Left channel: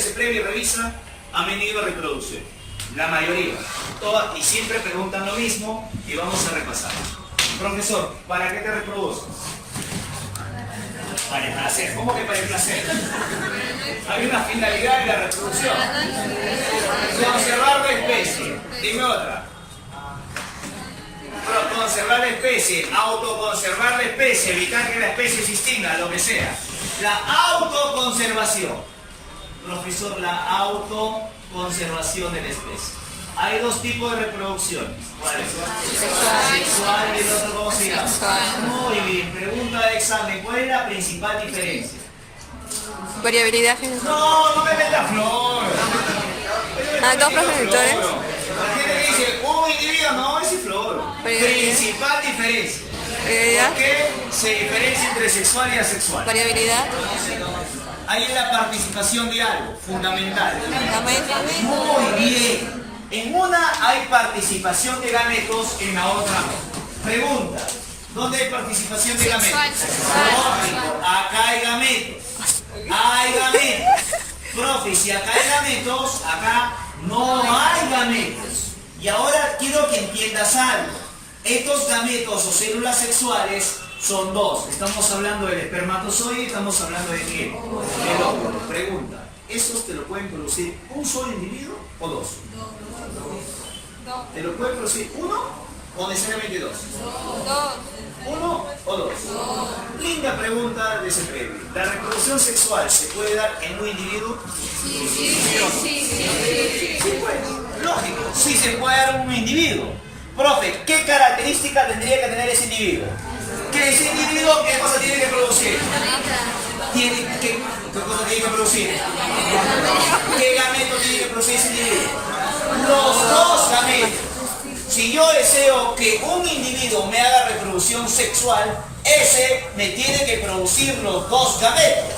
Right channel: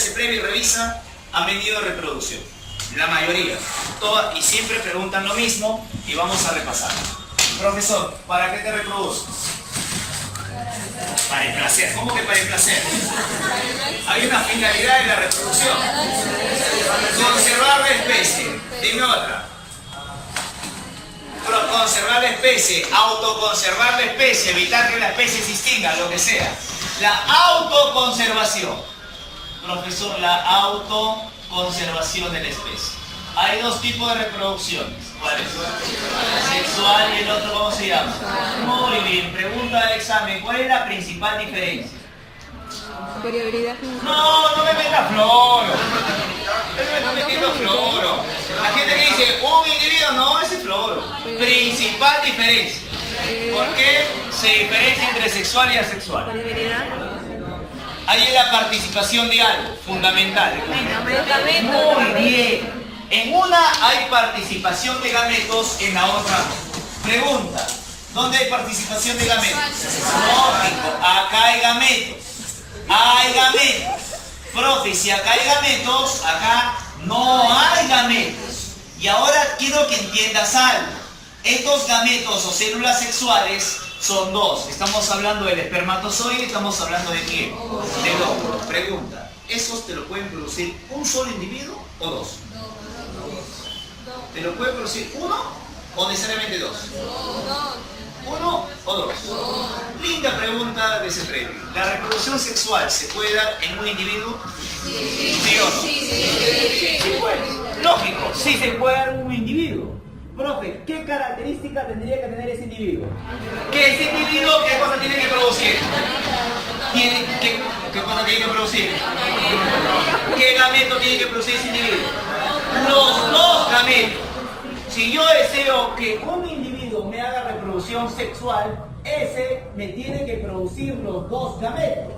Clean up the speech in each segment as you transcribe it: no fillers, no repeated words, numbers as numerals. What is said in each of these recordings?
ese previo y revisa, han venido a reproducción. La mayoría. Y siempre preguntan lo mismo y vamos a repasar. Profesor, ¿para qué te reproduces? Para el placer. ¿Cómo que para el placer? Hay una finalidad en la reproducción. Conservar la especie. Dime otra. Conservar la especie, autoconservar la especie, evitar que la especie se extinga, lo que sea. La autoconservación. Profesor, la autoconservación de la especie. Hay dos tipos de reproducciones. ¿Cuáles? Sexual y el otro, ¿cómo se llama? Muy bien. Pregunta del examen. ¿Cuál es la principal diferencia? Variabilidad. No me metas floro. La gente que dice un individuo, no, ese es floro. Principal diferencia. ¿Por qué se diferencia entre sexual y asexual? Variabilidad. Ahí es la participación de algo fundamental. Muy bien. En una hay participación de gametos, en la otra no. Pregunta, ¿dónde hay participación de gametos? Lógico, acá hay gametos. Hay gametos. Profe, si acá hay gametos, acá no hay gametos. Y ahora quiero que entiendas algo. Estos gametos o células sexuales son dos. Estamos hablando del espermatozoide, estamos hablando de qué? Del óvulo. Pregunta, ¿esos te lo pueden producir un solo individuo o dos? ¿Te lo puede producir uno o necesariamente dos? ¿Uno o dos? Linda pregunta de ese previo. ¿La reproducción sexual se puede dar en un individuo? ¿Sí o no? Sí puede. Lógico, sí se puede dar en un individuo. Profe, ¿qué característica tendría que tener ese individuo? ¿Que ese individuo qué cosa tiene que producir? ¿Qué cosa tiene que producir? ¿Qué gameto tiene que producir ese individuo? Los dos gametos. Si yo deseo que un individuo me haga reproducción sexual, ese me tiene que producir los dos gametos.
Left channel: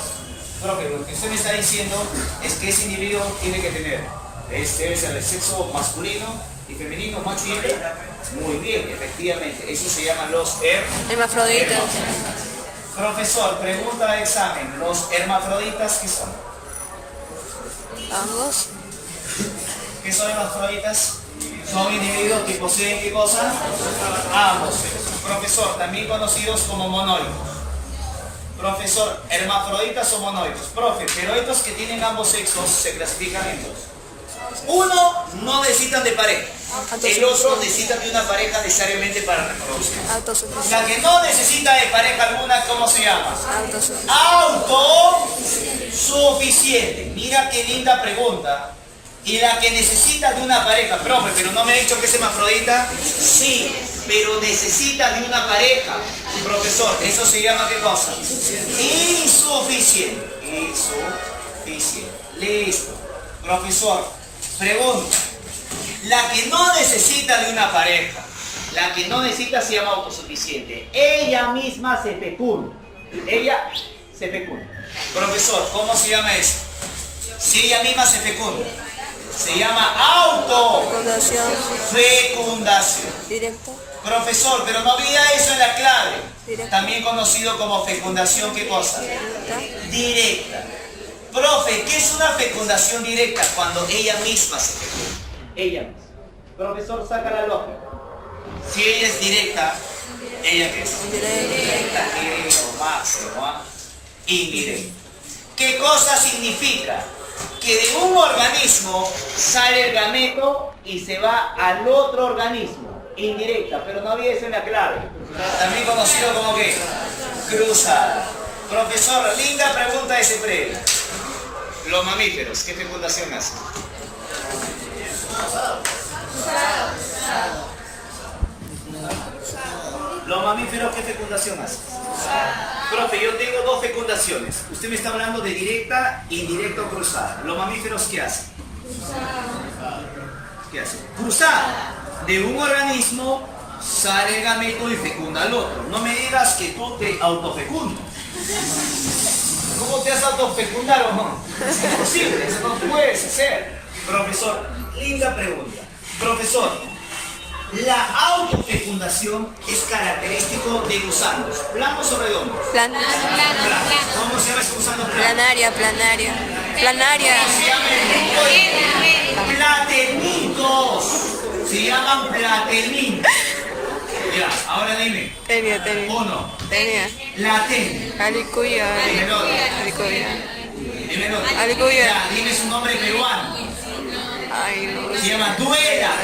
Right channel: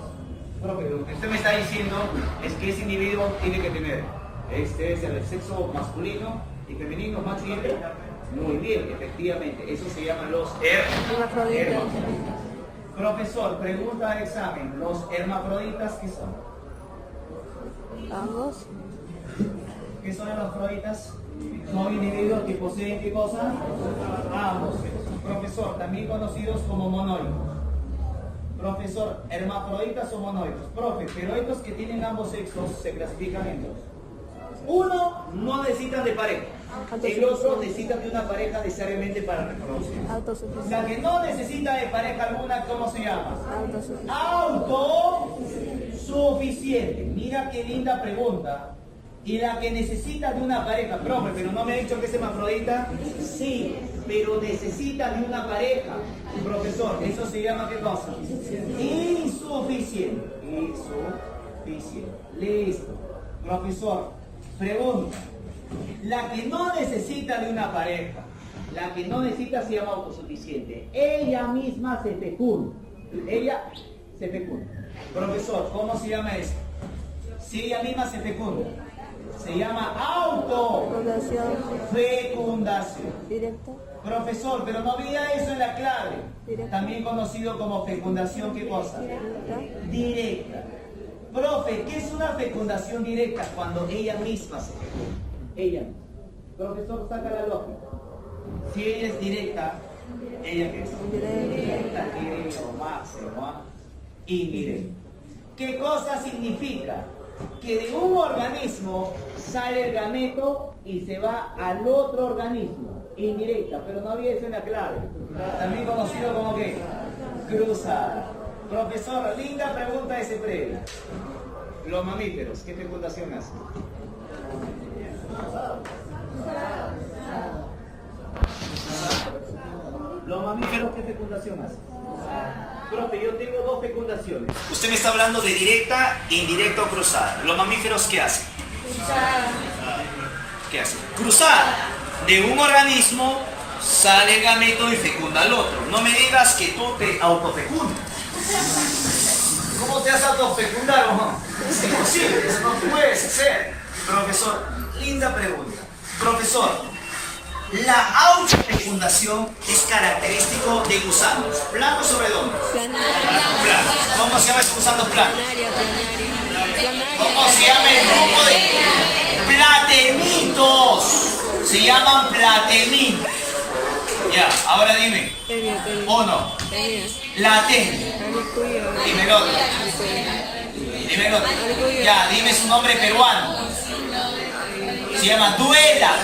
Profe, lo que usted me está diciendo es que ese individuo tiene que tener el sexo masculino y femenino, macho y hembra. Muy bien, efectivamente. Eso se llaman los hermafroditas. Profesor, pregunta de examen. ¿Los hermafroditas qué son? Ambos. ¿Qué son hermafroditas? Son individuos que poseen ¿qué cosa? Ambos. Profesor, también conocidos como monoicos. Profesor, hermafroditas o monoicos. Profe, pero estos que tienen ambos sexos se clasifican en dos. Uno no necesitan de pareja. El otro necesita de una pareja necesariamente para reproducir. La que no necesita de pareja alguna, ¿cómo se llama? Autosuficiente. Mira qué linda pregunta. Y la que necesita de una pareja, profe, pero no me ha dicho que es hermafrodita. Sí, pero necesita de una pareja. Profesor, ¿eso se llama qué cosa? Insuficiente. Insuficiente. Listo. Profesor, pregunta. La que no necesita de una pareja, la que no necesita se llama autosuficiente. Ella misma se fecunda. Ella se fecunda. Profesor, ¿cómo se llama eso? Si ella misma se fecunda. Se llama autofecundación. Directo. Profesor, pero no había eso en la clave. También conocido como fecundación, ¿qué cosa? Directa. Profe, ¿qué es una fecundación directa? Cuando ella misma se fecunda. Ella misma. Profesor, saca la lógica. Si ella es directa, ¿ella qué es? Directa. Máximo, ¿ah? Indirecta. ¿Qué cosa significa? Que de un organismo sale el gameto y se va al otro organismo. Indirecta, pero no había eso en la clave. También conocido como que cruzada. Profesor, linda pregunta de ese previo. Los mamíferos, ¿qué fecundación hacen? Los mamíferos, ¿qué fecundación hacen? Profe, yo tengo dos fecundaciones. Usted me está hablando de directa, indirecta o cruzada. ¿Los mamíferos qué hacen? ¿Qué hacen? Cruzada. De un organismo sale el gameto y fecunda al otro. No me digas que tú te autofecundas. ¿Cómo te has autofecundado? No? Es imposible, eso no puedes hacer. Profesor, linda pregunta. Profesor, la autofecundación es característico de gusanos. ¿Planos o redondos? Planaria. ¿Cómo se llama esos gusanos planos? Planaria. Planaria. ¿Cómo se llama el grupo de platelmintos? Se llaman platelmintos. Ya, ahora dime. Tenia. Uno, Tenia. la tenia. Alicuya. Dime el otro. Alicuya. Dime el otro. Alicuya. Ya, dime su nombre peruano. Ay, Se llama duela.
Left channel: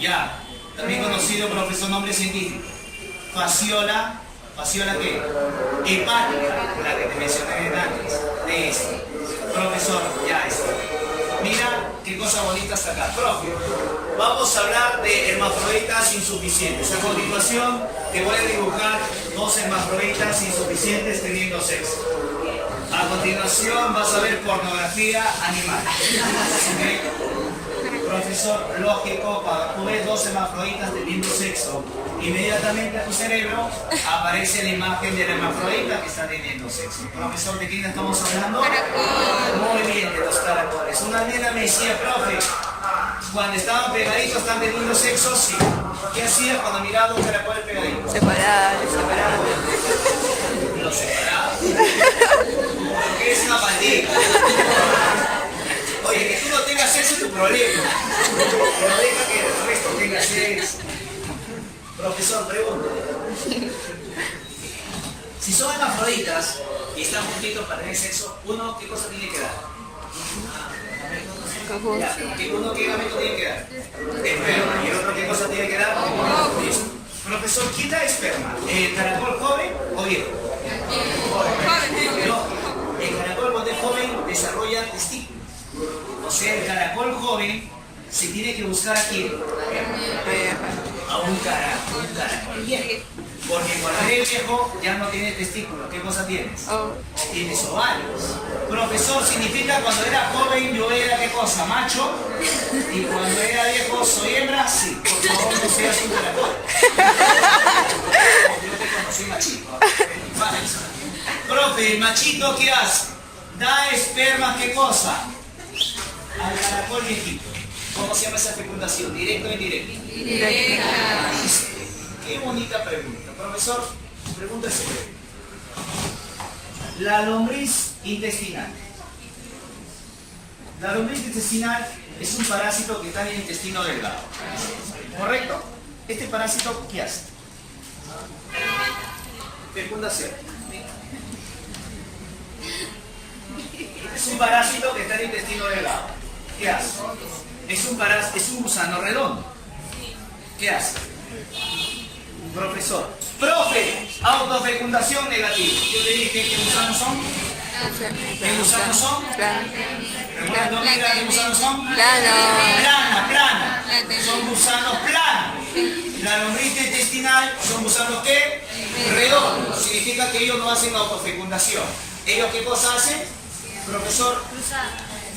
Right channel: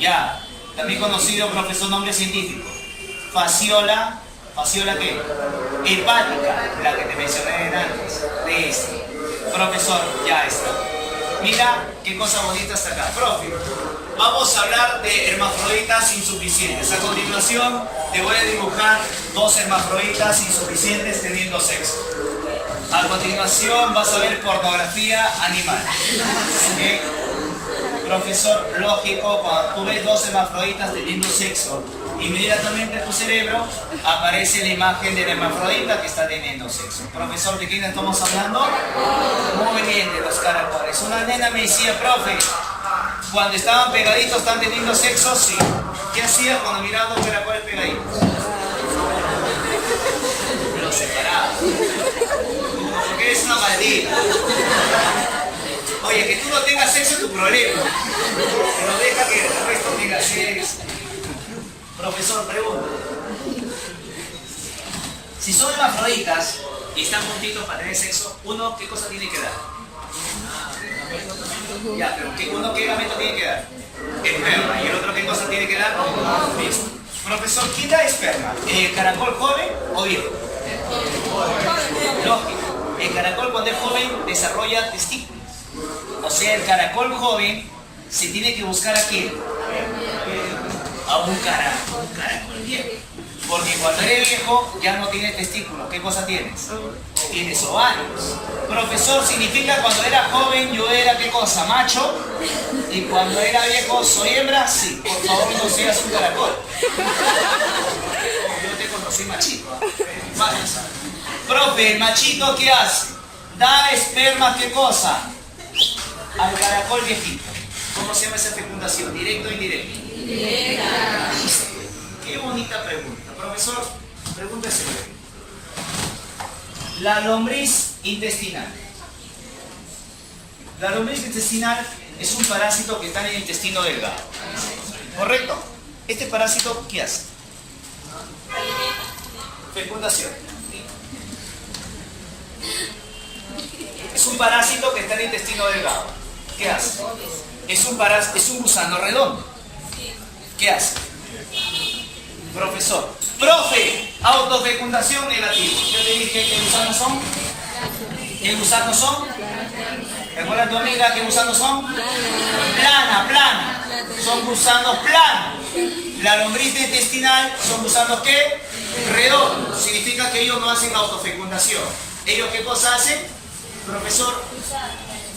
Ya. También conocido, profesor, nombre científico. Fasciola. ¿Fasciola qué? Hepática, la que te mencioné antes. De esto. Profesor, ya está. Mira qué cosa bonita está acá. Profe, vamos a hablar de hermafroditas insuficientes. A continuación, te voy a dibujar dos hermafroditas insuficientes teniendo sexo. A continuación, vas a ver pornografía animal. ¿Ok? Profesor, lógico, cuando tú ves dos hermafroditas teniendo sexo, inmediatamente a tu cerebro aparece la imagen del hermafrodita que está teniendo sexo. Profesor, ¿de quién estamos hablando? Muy bien, de los caracoles. Una nena me decía, profe, cuando estaban pegaditos, ¿están teniendo sexo? Sí. ¿Qué hacías cuando mirabas dos caracoles pegaditos? separada. Los separaba. Porque eres una maldita. Oye, que tú no tengas sexo es tu problema. Pero deja que el resto tenga sexo. Profesor, pregunta. Si son hermafroditas y están juntitos para tener sexo, uno, ¿qué cosa tiene que dar? Ya, pero ¿qué gamento tiene que dar? Esperma. ¿Y el otro qué cosa tiene que dar? Listo. Profesor, ¿quién da esperma? ¿El caracol joven o viejo? Lógico. El caracol cuando es joven desarrolla testículos. O sea, el caracol joven se tiene que buscar a quién. A un caracol viejo. Porque cuando eres viejo ya no tienes testículos. ¿Qué cosa tienes? Tienes ovarios. Profesor, significa cuando era joven yo era ¿qué cosa? Macho. Y cuando era viejo soy hembra. Sí, por favor no seas un caracol. Yo te conocí machito. Profe, el machito ¿qué hace? Da esperma ¿qué cosa? Al caracol viejito. ¿Cómo se llama esa fecundación? ¿Directo o indirecto? Directa. Listo. Qué bonita pregunta. Profesor, pregunta ese. La lombriz intestinal. La lombriz intestinal es un parásito que está en el intestino delgado. ¿Correcto? Este parásito, ¿qué hace? Fecundación. Es un parásito que está en el intestino delgado. ¿Qué hace? Es un gusano redondo. ¿Qué hace? Profesor. Profe, autofecundación negativo. Yo te dije qué gusanos son. ¿Qué gusanos son? ¿Recuerdas tu amiga qué gusanos son? Plana. Son gusanos planos. La lombriz intestinal son gusanos ¿qué? Redondos. Significa que ellos no hacen autofecundación. ¿Ellos qué cosa hacen? Profesor.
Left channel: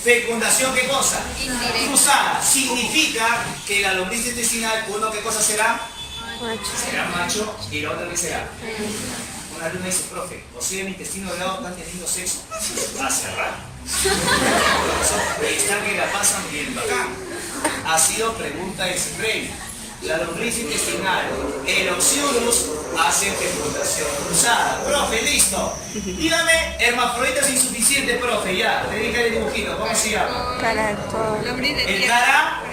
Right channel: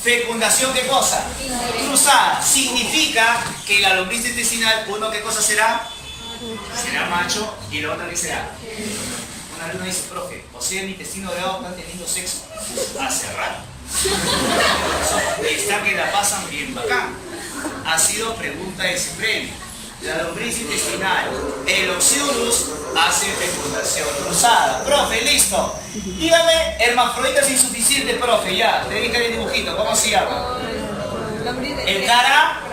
Fecundación, ¿qué cosa? Cruzada. Significa que la lombriz intestinal, uno, ¿qué cosa será? Será macho y el otro, ¿qué será? Una alumna dice, profe, o sea, en mi intestino delgado están teniendo sexo. Hace rato. Están que la pasan bien bacán. Ha sido pregunta de ese premio. La lombriz intestinal, el Oxyurus, hace fecundación cruzada. Profe, listo. Dígame, hermafroditas insuficientes, profe, ya. Te dije el dibujito, ¿cómo se llama? Lombriz de El tierra. cara.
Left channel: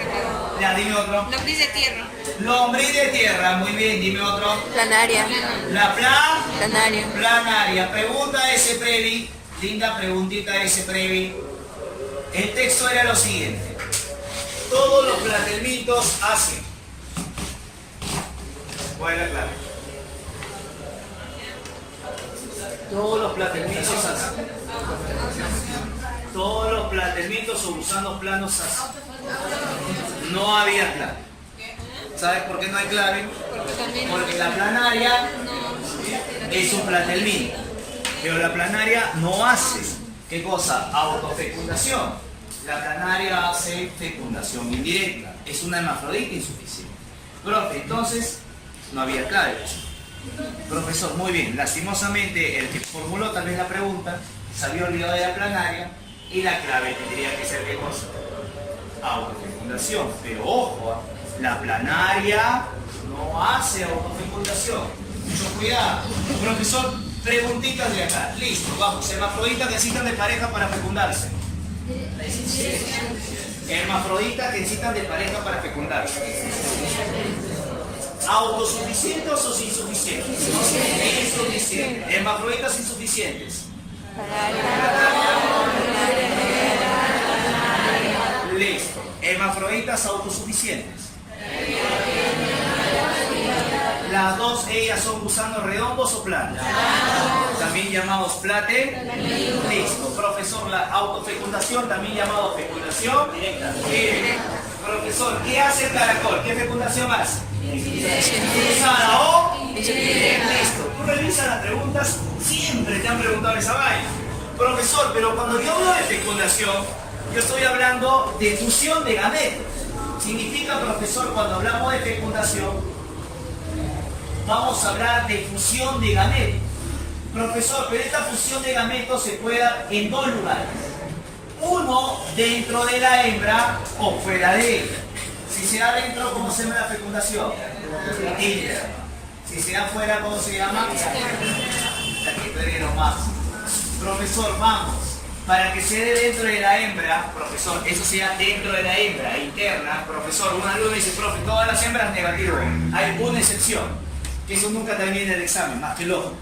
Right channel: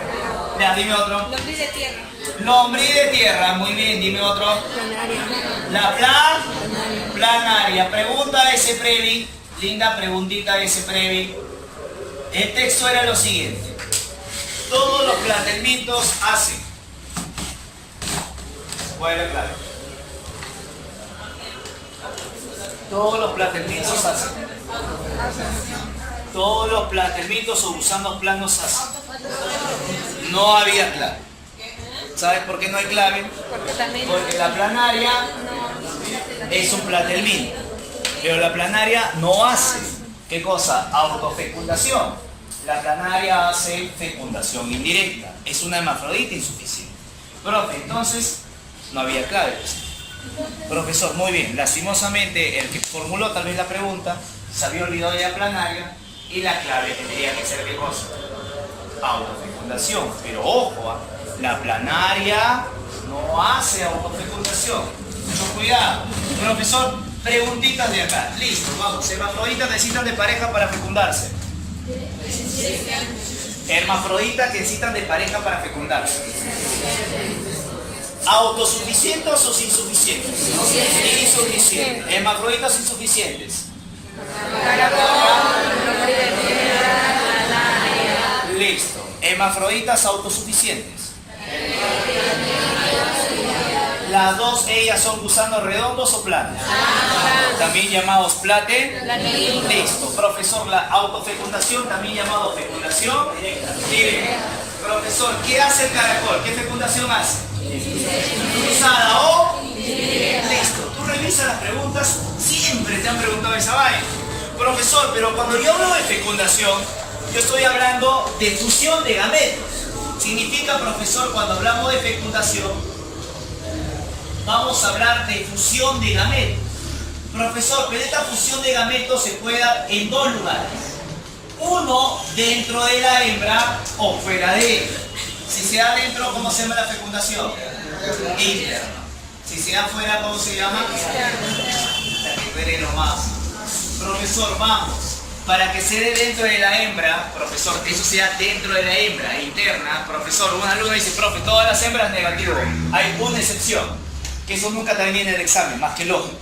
Ya, dime otro. Lombriz de tierra. Lombriz de tierra, muy bien, dime otro. Planaria. La Planaria. planaria. Pregunta ese previ. Linda preguntita ese previ. El texto era lo siguiente. Todos los platelmintos hacen. ¿Cuál es la clave? Todos los platelmintos hacen. Todos los platelmintos o gusanos planos hacen. No había clave. ¿Sabes por qué no hay clave? Porque la planaria es un platelminto. Pero la planaria no hace. ¿Qué cosa? Autofecundación. La planaria hace fecundación indirecta. Es una hermafrodita insuficiente. Profe, entonces no había clave. Profesor, muy bien. Lastimosamente, el que formuló tal vez la pregunta se había olvidado de la planaria y la clave tendría que ser ¿qué cosa? Autofecundación. Pero ojo, la planaria no hace autofecundación. Mucho cuidado. Profesor, Preguntitas de acá. Listo, vamos. Hermafroditas necesitan de pareja para fecundarse. Hermafroditas necesitan de pareja para fecundarse. ¿Autosuficientes o insuficientes? Insuficientes. Hermafroditas insuficientes. Listo. Hermafroditas autosuficientes. Las dos, ellas son gusanos redondos o planos. También llamados plate. Listo. Profesor, la autofecundación, también llamado fecundación directa. Profesor, ¿qué hace el caracol? ¿Qué fecundación hace? Cruzada o listo. Tú revisas las preguntas, siempre te han preguntado esa vaina. Profesor, pero cuando yo hablo de fecundación, yo estoy hablando de fusión de gametos. Significa, profesor, cuando hablamos de fecundación, vamos a hablar de fusión de gametos. Profesor, pero esta fusión de gametos se puede dar en dos lugares. Uno, dentro de la hembra o fuera de ella. Si se da dentro, ¿cómo se llama la fecundación? Interna. Si se da fuera, ¿cómo se llama? La que tú eres lo más. Profesor, vamos. Para que se dé dentro de la hembra, profesor, eso se da dentro de la hembra, interna. Profesor, un alumno dice, profe, todas las hembras negativo. Hay una excepción, que eso nunca termina en el examen, más que lógico.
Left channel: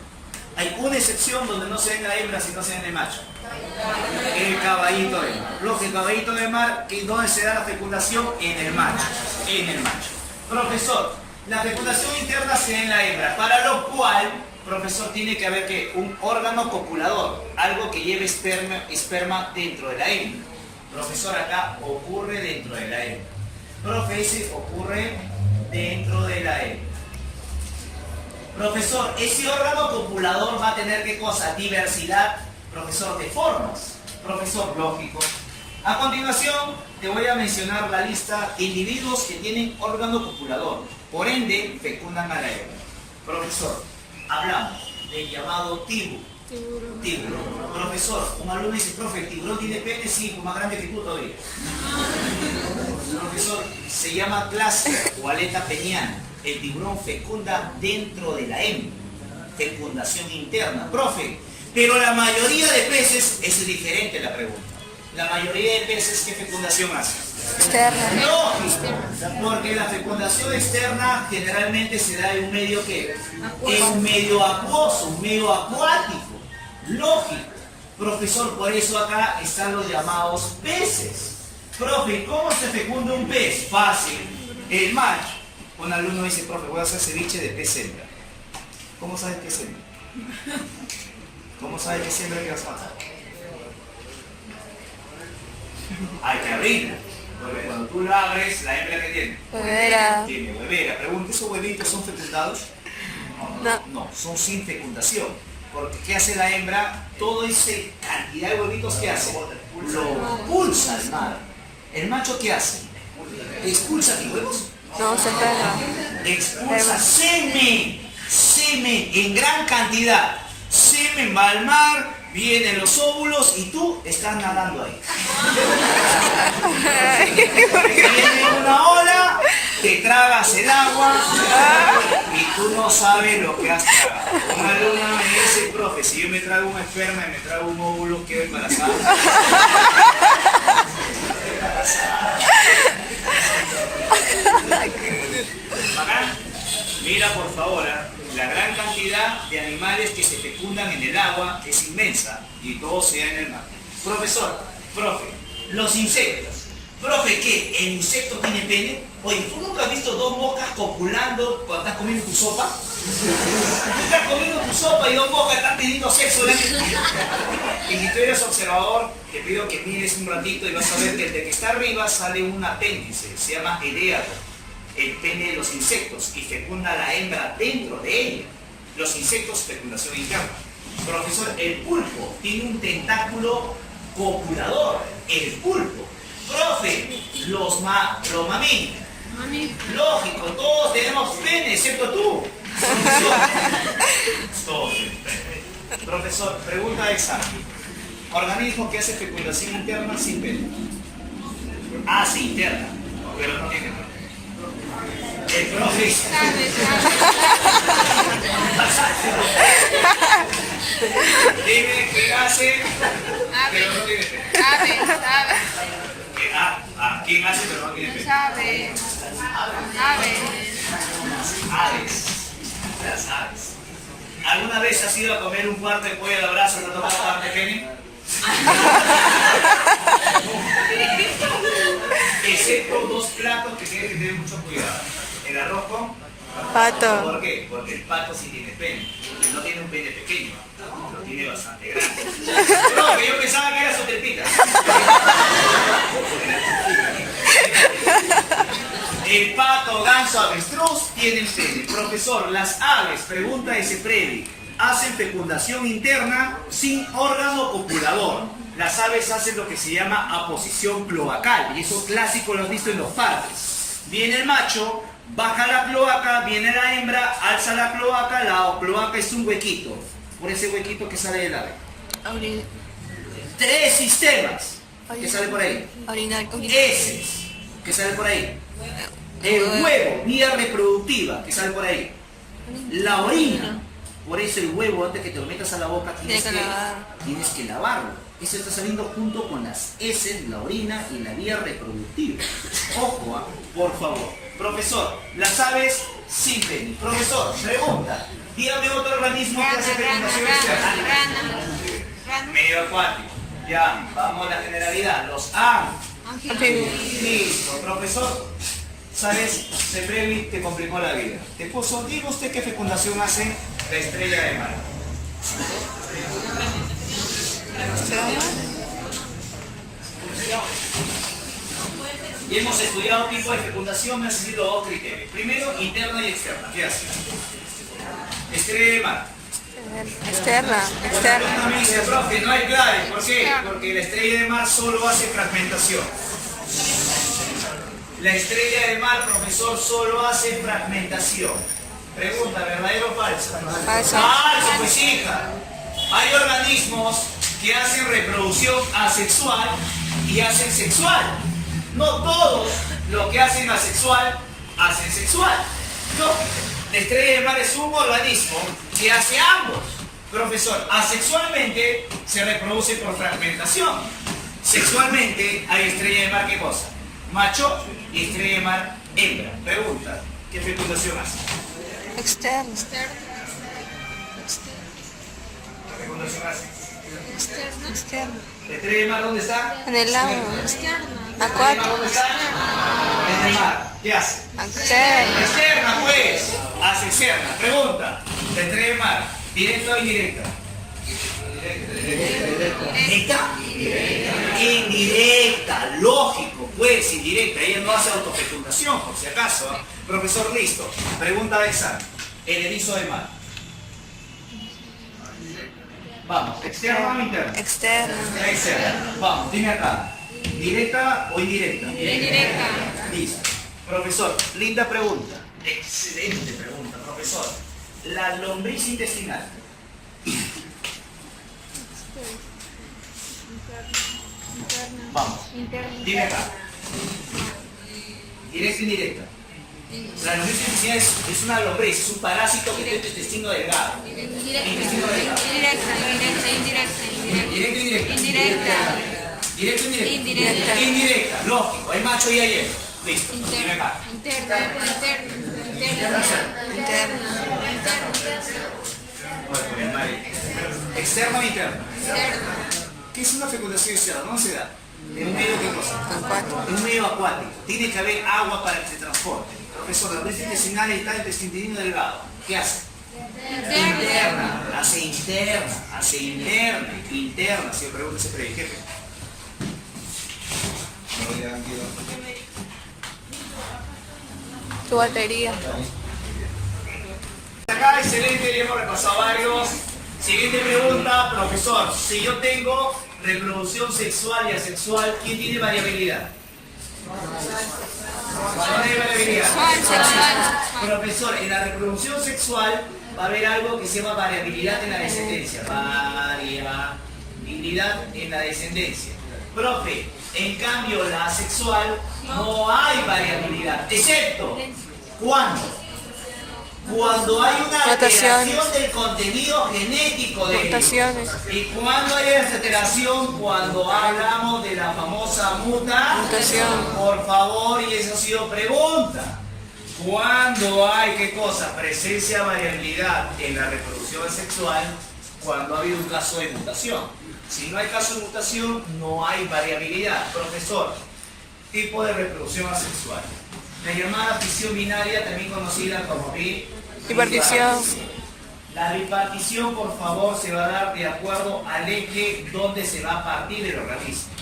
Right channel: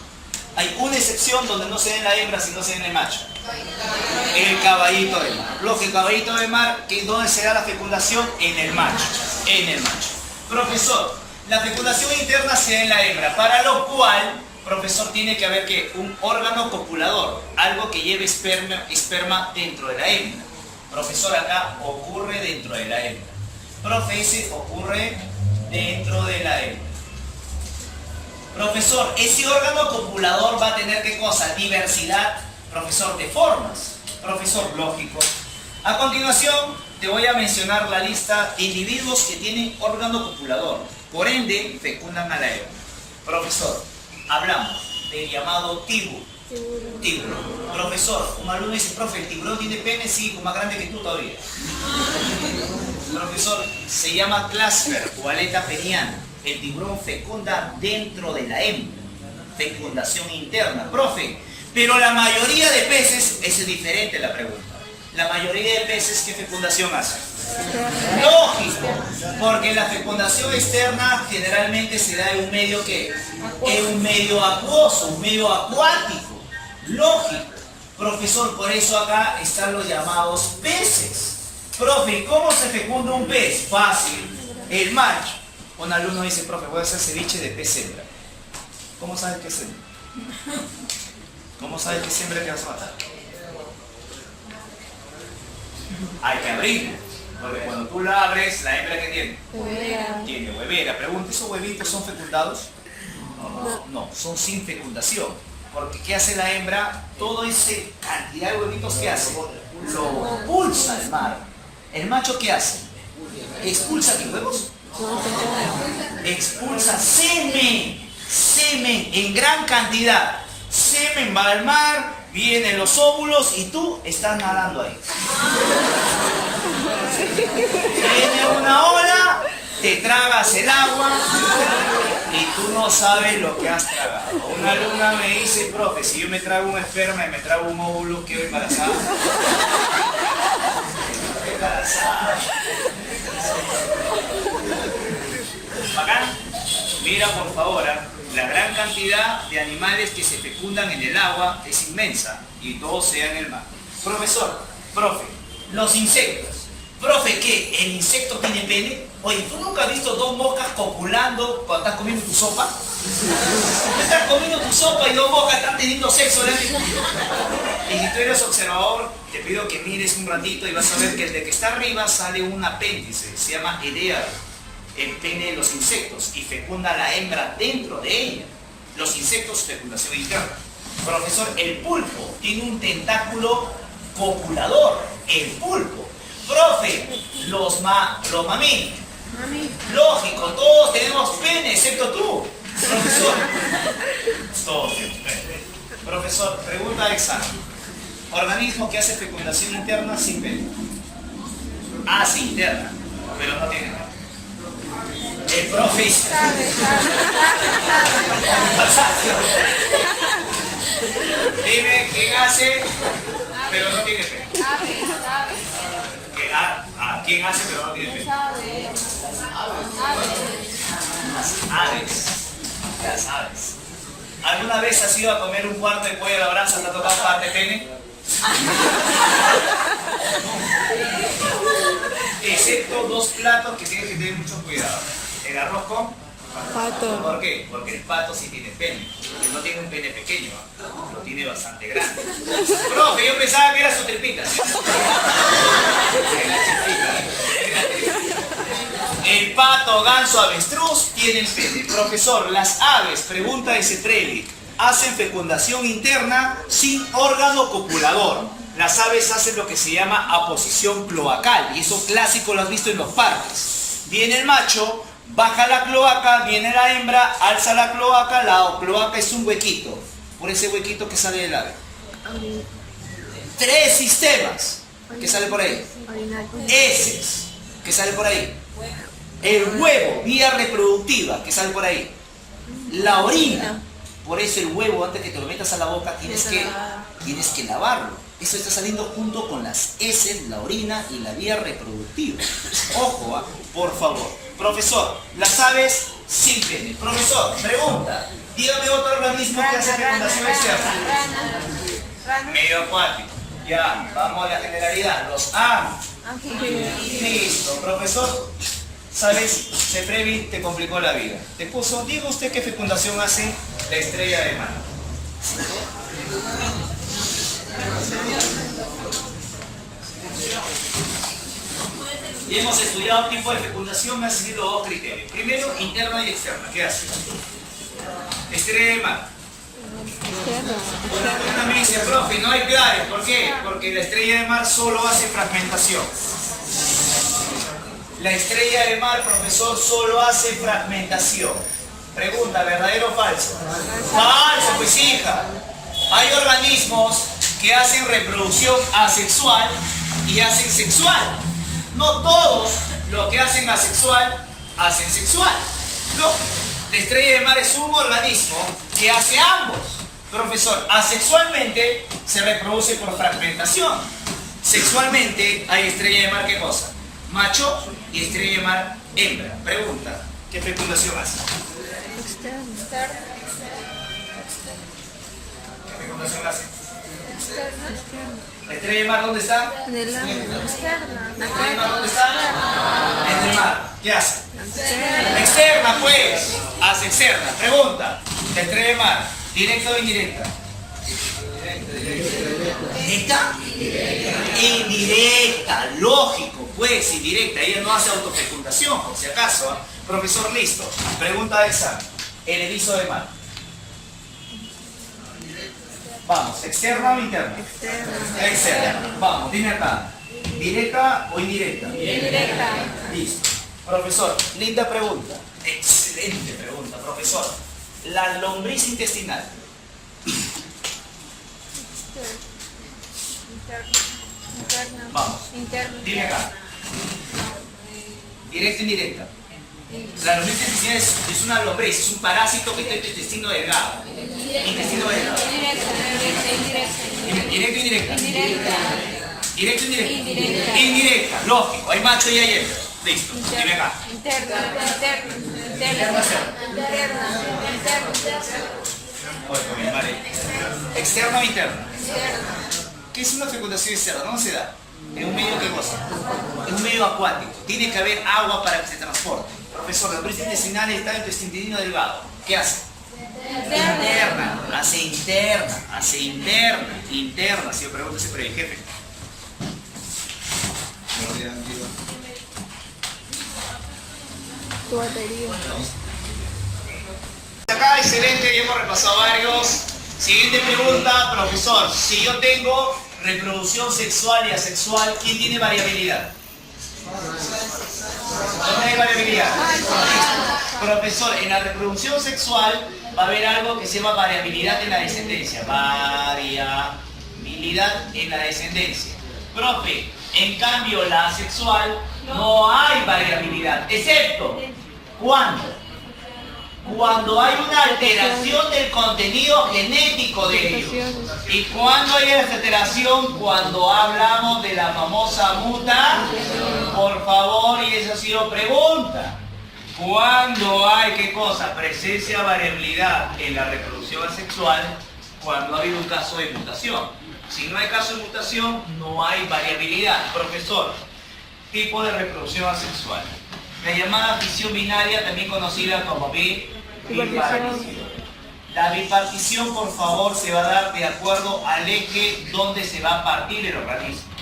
Hay una excepción donde no se da en la hembra, sino se da en el macho. El caballito de mar. Lógico, el caballito de mar, ¿dónde se da la fecundación? En el macho. En el macho. Profesor, la fecundación interna se da en la hembra, para lo cual, profesor, tiene que haber que un órgano copulador, algo que lleve esperma dentro de la hembra. Profesor, acá ocurre dentro de la hembra. Profe, ese ocurre dentro de la hembra. Profesor, ese órgano copulador va a tener ¿qué cosa? Diversidad, profesor, de formas. Profesor, lógico. A continuación, te voy a mencionar la lista de individuos que tienen órgano copulador. Por ende, fecundan a la hembra. Profesor, hablamos del llamado tiburón. Profesor, un alumno dice, profe, ¿el tiburón tiene pene? Sí, más grande que tú todavía. Profesor, se llama clúster o aleta peniana. El tiburón fecunda dentro de la hembra. Fecundación interna. Profe, pero la mayoría de peces, es diferente la pregunta. La mayoría de peces, ¿qué fecundación hacen? Externa. Lógico, porque la fecundación externa generalmente se da en un medio que es un medio acuoso, un medio acuático. Lógico. Profesor, por eso acá están los llamados peces. Profe, ¿cómo se fecunda un pez? Fácil. El macho. Un alumno dice, profe, voy a hacer ceviche de pez hembra. ¿Cómo sabes qué es hembra? ¿Cómo sabes qué es hembra que vas a matar? Hay que abrirla. Porque cuando tú la abres, ¿la hembra qué tiene? Huevera. Tiene huevera. Pregunta, ¿esos huevitos son fecundados? No, son sin fecundación. Porque ¿qué hace la hembra? Toda esa cantidad de huevitos, ¿qué hace? Lo expulsa al mar. ¿El macho qué hace? ¿Expulsa qué huevos? No, se Expulsa semen. Semen en gran cantidad. Semen va al mar, vienen los óvulos y tú estás nadando ahí. Viene una ola, te tragas el agua y tú no sabes lo que has tragado. Una alumna me dice, profe, si yo me trago un esperma y me trago un óvulo, ¿quedo embarazada? Embarazada. ¿Bacán? Mira por favor, la gran cantidad de animales que se fecundan en el agua es inmensa y todo se da en el mar. Profesor, profe, los insectos. Profe, ¿qué? ¿El insecto tiene pene? Oye, ¿tú nunca has visto dos moscas copulando cuando estás comiendo tu sopa? Tú estás comiendo tu sopa y dos moscas están teniendo sexo. Y si tú eres observador, te pido que mires un ratito y vas a ver que el de que está arriba sale un apéndice, se llama edeado, el pene de los insectos, y fecunda a la hembra dentro de ella. Los insectos, fecundación interna. Profesor, el pulpo tiene un tentáculo copulador, el pulpo. Profe, los mamíferos. Lógico, todos tenemos pene, excepto tú. Profesor. Todos tenemos pene. Profesor, pregunta de examen. Organismo que hace fecundación interna sin pene. Sí, interna, pero no tiene pene. El profe. Dime quién hace, pero no tiene pene. Sabe. ¿Quién hace pero no tiene pene? Sabe. Las aves. ¿Alguna vez has ido a comer un cuarto de pollo a la brasa, te ha tocado parte de pene? Excepto dos platos que tienes que tener mucho cuidado. El arroz con Pato. ¿por qué? Porque el pato sí tiene pene. Y no tiene un pene pequeño, lo tiene bastante grande. Profe, yo pensaba que era su tripita. El pato, ganso, avestruz tienen pene. Profesor, las aves, pregunta de Freddy, hacen fecundación interna sin órgano copulador. Las aves hacen lo que se llama aposición cloacal, y eso clásico lo has visto en los parques. Viene el macho, baja la cloaca, viene la hembra, alza la cloaca. La cloaca es un huequito, por ese huequito que sale del ave. Tres sistemas que sale por ahí. Heces, que sale por ahí. El huevo, vía reproductiva, que sale por ahí. La orina. Por eso el huevo, antes que te lo metas a la boca, tienes que lavarlo. Eso está saliendo junto con las heces, la orina y la vía reproductiva. Ojo, por favor. Profesor, las aves sin pene. Profesor, pregunta. Dígame otro organismo que hace fecundación externa. Medio acuático. Ya, vamos a la generalidad. Los listo. Profesor, ¿sabes? Ceprevi te complicó la vida. Te puso, diga usted qué fecundación hace la estrella de mar. Y hemos estudiado tipo de fecundación, me han seguido dos criterios. Primero, interna y externa. ¿Qué hace? Estrella de mar. Externa. Una me dice, profe, no hay clave. ¿Por qué? Porque la estrella de mar solo hace fragmentación. La estrella de mar, profesor, solo hace fragmentación. Pregunta, ¿verdadero o falso? Falso, pues hija. Hay organismos que hacen reproducción asexual y hacen sexual. No todos los que hacen asexual hacen sexual. Lógico. La estrella de mar es un organismo que hace ambos. Profesor, asexualmente se reproduce por fragmentación. Sexualmente hay estrella de mar, ¿qué cosa? Macho y estrella de mar hembra. Pregunta, ¿qué fecundación hace? Externa. ¿Qué fecundación hace? Externa. ¿La estrella de mar dónde está? En el agua. ¿La estrella de mar dónde está? En el mar. ¿Qué hace? Externa. Externa, pues. Hace externa. Pregunta, ¿la estrella de mar, directa o indirecta? ¿Directa? Indirecta, lógico, pues, indirecta. Ella no hace autofecundación, por si acaso. ¿Eh? Profesor, listo. Pregunta de examen. El erizo de mar. Vamos, ¿externa o interna? Externa. Externa. Vamos, dime acá. ¿Directa o indirecta? Indirecta. Listo. Profesor, linda pregunta. Excelente pregunta, profesor. La lombriz intestinal. Vamos, dime acá. ¿Directa o indirecta? La lombriz intestinal es una lombriz, es un parásito que tiene el intestino delgado. Intestino delgado. Indirecta. ¿Directa o indirecta? ¿Directa o indirecta? Indirecta. Indirecta, lógico. Hay macho y hay hembra. Listo, dime acá. Interna. Bueno, vale. ¿Externa o interna? ¿Qué es una fecundación externa? ¿Dónde se da? ¿En un medio qué cosa? En un medio acuático. Tiene que haber agua para que se transporte. Profesor, la lombriz intestinal está en tu intestino delgado. ¿Qué hace? Interna. Hace interna. Interna. Si yo pregunto siempre, jefe. Tu batería. Acá, excelente, ya hemos repasado varios. Siguiente pregunta, profesor. Si yo tengo reproducción sexual y asexual, ¿quién tiene variabilidad? ¿Dónde hay variabilidad? Profesor, en la reproducción sexual va a haber algo que se llama variabilidad en la descendencia. Variabilidad en la descendencia. Profe, en cambio la asexual no hay variabilidad, excepto ¿Cuándo? Cuando hay una alteración Mutaciones. del contenido genético de ellos. Mutaciones. ¿Y cuándo hay esa alteración? Cuando hablamos de la famosa Mutación. Por favor, y esa ha sido pregunta. ¿Cuándo hay qué cosa? Presencia de variabilidad en la reproducción sexual cuando ha habido un caso de mutación. Si no hay caso de mutación, no hay variabilidad. Profesor, tipo de reproducción asexual. La llamada fisión binaria, también conocida como Bipartición. La bipartición, por favor, se va a dar de acuerdo al eje donde se va a partir el organismo.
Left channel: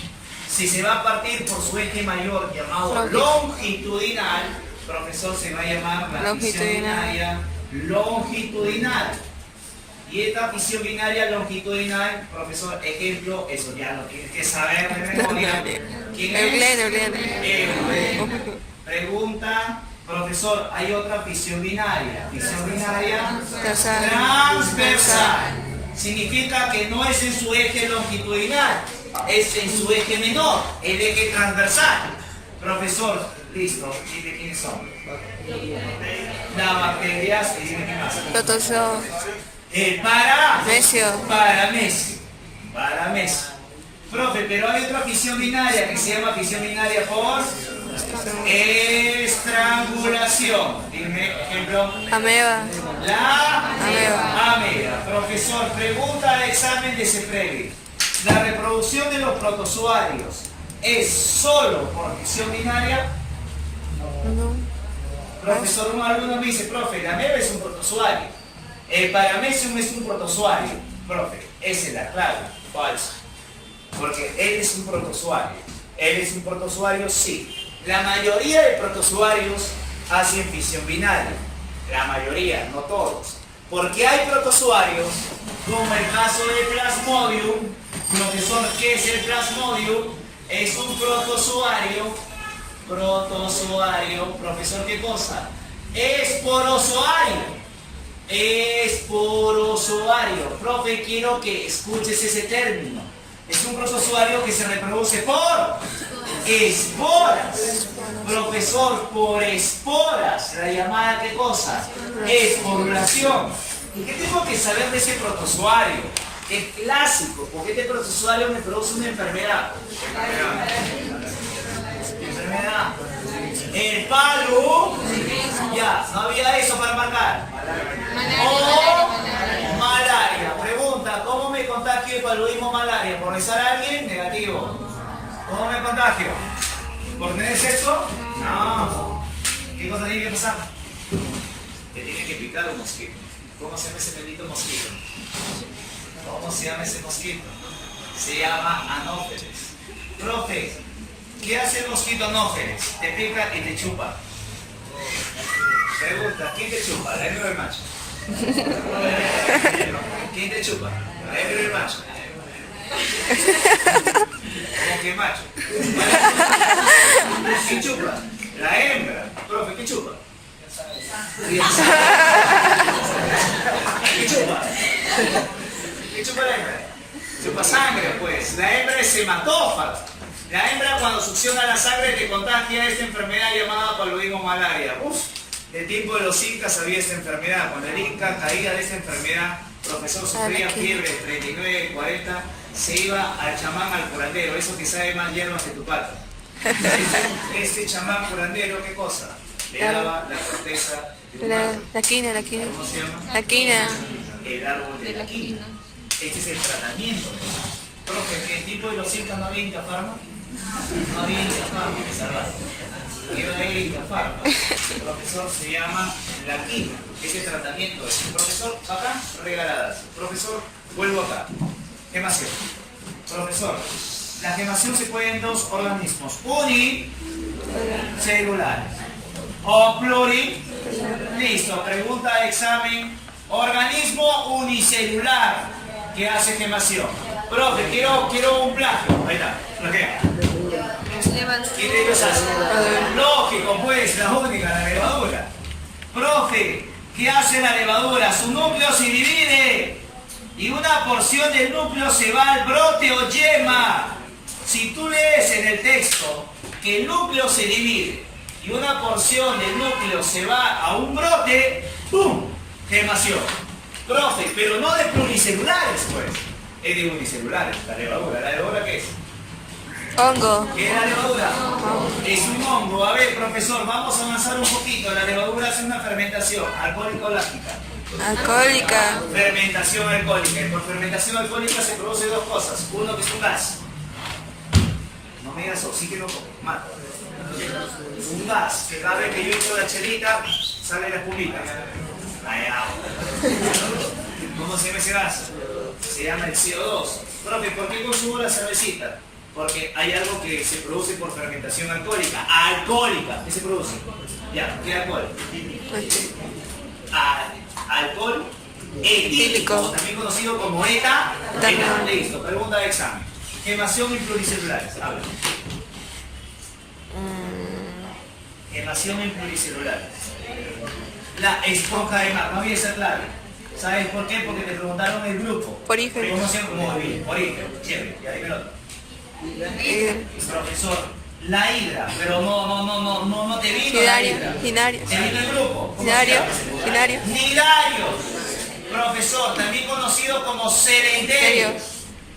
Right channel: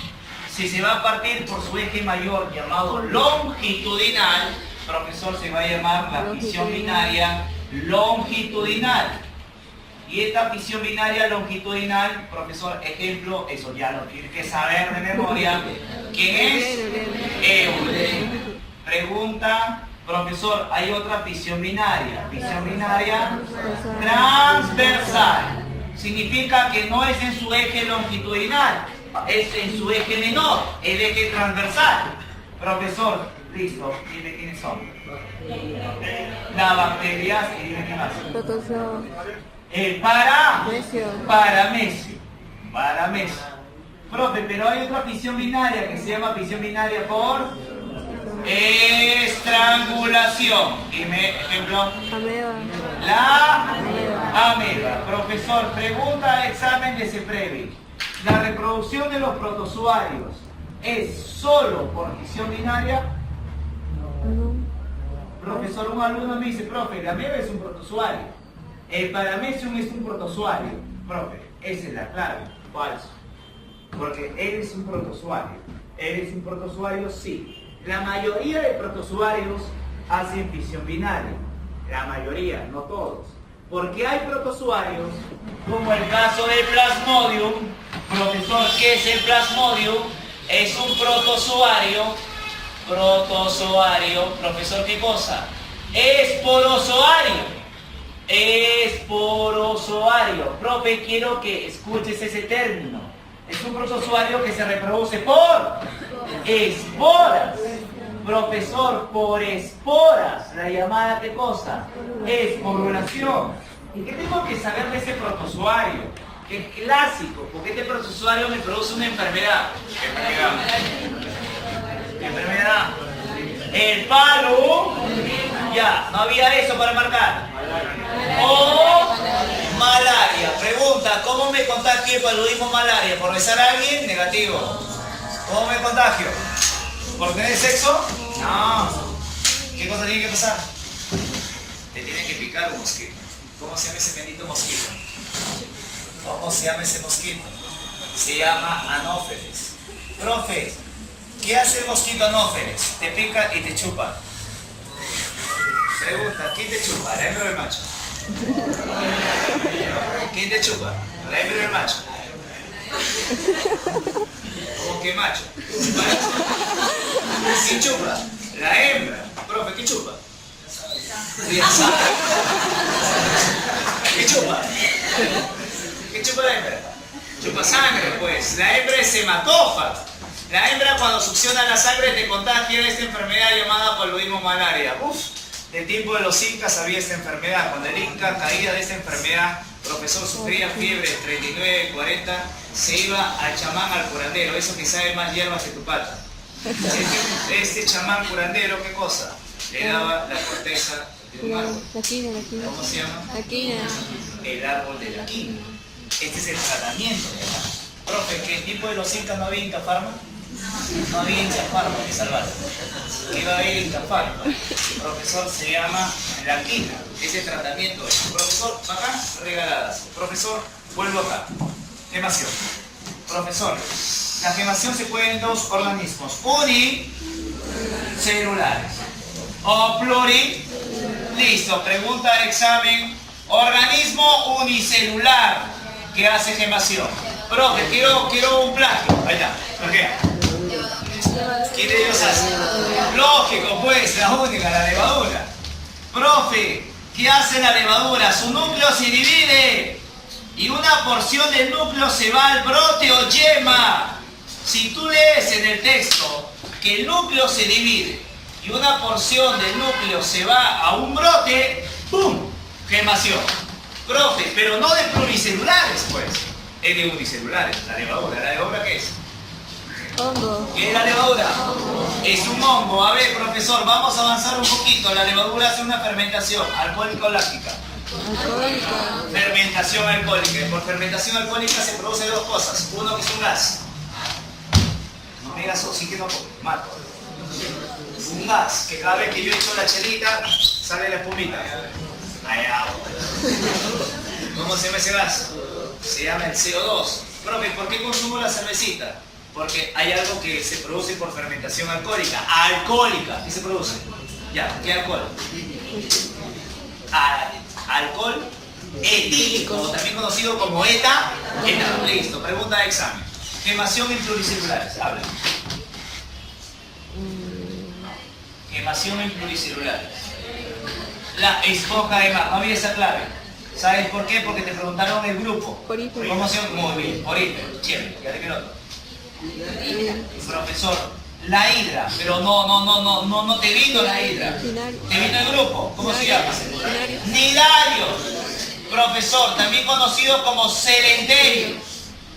Si se va a partir por su eje mayor llamado longitudinal, profesor, se va a llamar la fisión binaria longitudinal. Y esta fisión binaria longitudinal, profesor, ejemplo, eso ya lo tienes que saber de memoria. ¿Quién es? Euler. Pregunta, profesor, hay otra fisión binaria. Fisión binaria transversal. Significa que no es en su eje longitudinal, es en su eje menor, el eje transversal. Profesor, listo, dime quiénes son. Las bacterias, y dime qué más. Protozoo. El Mesio. Paramesio. Profe, pero hay otra fisión binaria que se llama fisión binaria por estrangulación. Dime, ejemplo. Ameba. La Ameba. ameba. Profesor, pregunta al examen de CEPREVI. ¿La reproducción de los protozoarios es solo por fisión binaria? Profesor, un alumno me dice, profe, la ameba es un protozoario. El paramecium es un protozoario. Profe, esa es la clave. Falso. Porque él es un protozoario. ¿Él es un protozoario? Sí. La mayoría de protozoarios hacen fisión binaria. La mayoría, no todos. Porque hay protozoarios, como el caso del Plasmodium. Profesor, ¿qué es el Plasmodium? Es un protozoario. Profesor, ¿qué cosa? Esporozoario. Esporozoario. Profe, quiero que escuches ese término. Es un protozoario que se reproduce por esporas. Profesor, por esporas. La llamada, ¿qué cosa? Esporulación. ¿Y qué tengo que saber de ese protozoario? Es clásico, porque este protozoario me produce una enfermedad. Enfermedad. El palo. Ya, no había eso para marcar. O malaria. Pregunta, ¿cómo me contagio de paludismo malaria? ¿Por besar a alguien? Negativo. ¿Cómo me contagio? ¿Por tener sexo? No. ¿Qué cosa tiene que pasar? Te tiene que picar un mosquito. ¿Cómo se llama ese bendito mosquito? ¿Cómo se llama ese mosquito? Se llama anófeles. Profe, ¿qué hace el mosquito anófeles? Te pica y te chupa. Pregunta, ¿quién te chupa? ¿La hembra o el macho? ¿Quién te chupa? ¿La hembra o el macho? ¿Cómo que macho? ¿Quién chupa? La hembra. Profe, ¿qué chupa? ¿Qué chupa? ¿Qué chupa la hembra? Chupa sangre, pues. La hembra es hematófaga. La hembra, cuando succiona la sangre, te contagia esta enfermedad llamada paludismo malaria. Del tiempo de los incas había esta enfermedad. Cuando el inca caía de esta enfermedad, profesor, sufría fiebre 39, 40, se iba al chamán, al curandero, eso que sabe más hierbas que tu pata. Este chamán curandero, ¿qué cosa? Le daba la corteza de un árbol. La quina. ¿Cómo se llama? La quina. El árbol de la quina. Este es el tratamiento. Profe, ¿qué tipo de los incas no había Inca Pharma? No había Inca Pharma que salvar. ¿Qué va a haber Inca Pharma? El profesor se llama la quina. Ese tratamiento es. Profesor, acá, regaladas. Profesor, vuelvo acá. Gemación. Profesor, la gemación se puede en dos organismos. Unicelulares. O pluri. Listo, pregunta de examen. Organismo unicelular que hace gemación. Profe, quiero un plagio. Ahí está. ¿Qué? ¿Quién de ellos hace? Lógico, pues, la única, la levadura. Profe, ¿qué hace la levadura? Su núcleo se divide y una porción del núcleo se va al brote o yema. Si tú lees en el texto que el núcleo se divide y una porción del núcleo se va a un brote, ¡pum! Gemación. Profe, pero no de pluricelulares, pues. Es de unicelulares, la levadura. ¿La levadura qué es? Hongo. ¿Qué es la levadura? Es un hongo. A ver, profesor, vamos a avanzar un poquito. La levadura hace una fermentación alcohólica o láctica. Alcohólica. Fermentación alcohólica. Y por fermentación alcohólica se produce dos cosas. Uno que es un gas. No me digas oxígeno porque mato. Un gas que cada vez que yo echo la chelita sale la espumita. Allá. ¿Cómo se llama ese gas? Se llama el CO2. Profe, ¿por qué consumo la cervecita? Porque hay algo que se produce por fermentación alcohólica. Alcohólica. ¿Qué se produce? Ya, ¿qué alcohol? Alcohol etílico, o también conocido como ETA. Listo, pregunta de examen. Gemación en pluricelulares. Habla. Gemación en pluricelulares. La esponja de mar. No había esa clave. ¿Sabes por qué? Porque te preguntaron el grupo. Porífero. ¿Cómo se llama? Muy bien, porífero. Chévere, ya dime otro. Profesor, la hidra, pero no te vino la hidra. Binario. ¿Te vino el grupo? ¿Cómo se llama? Binario. Nidarios. Profesor, también conocido como celenterios.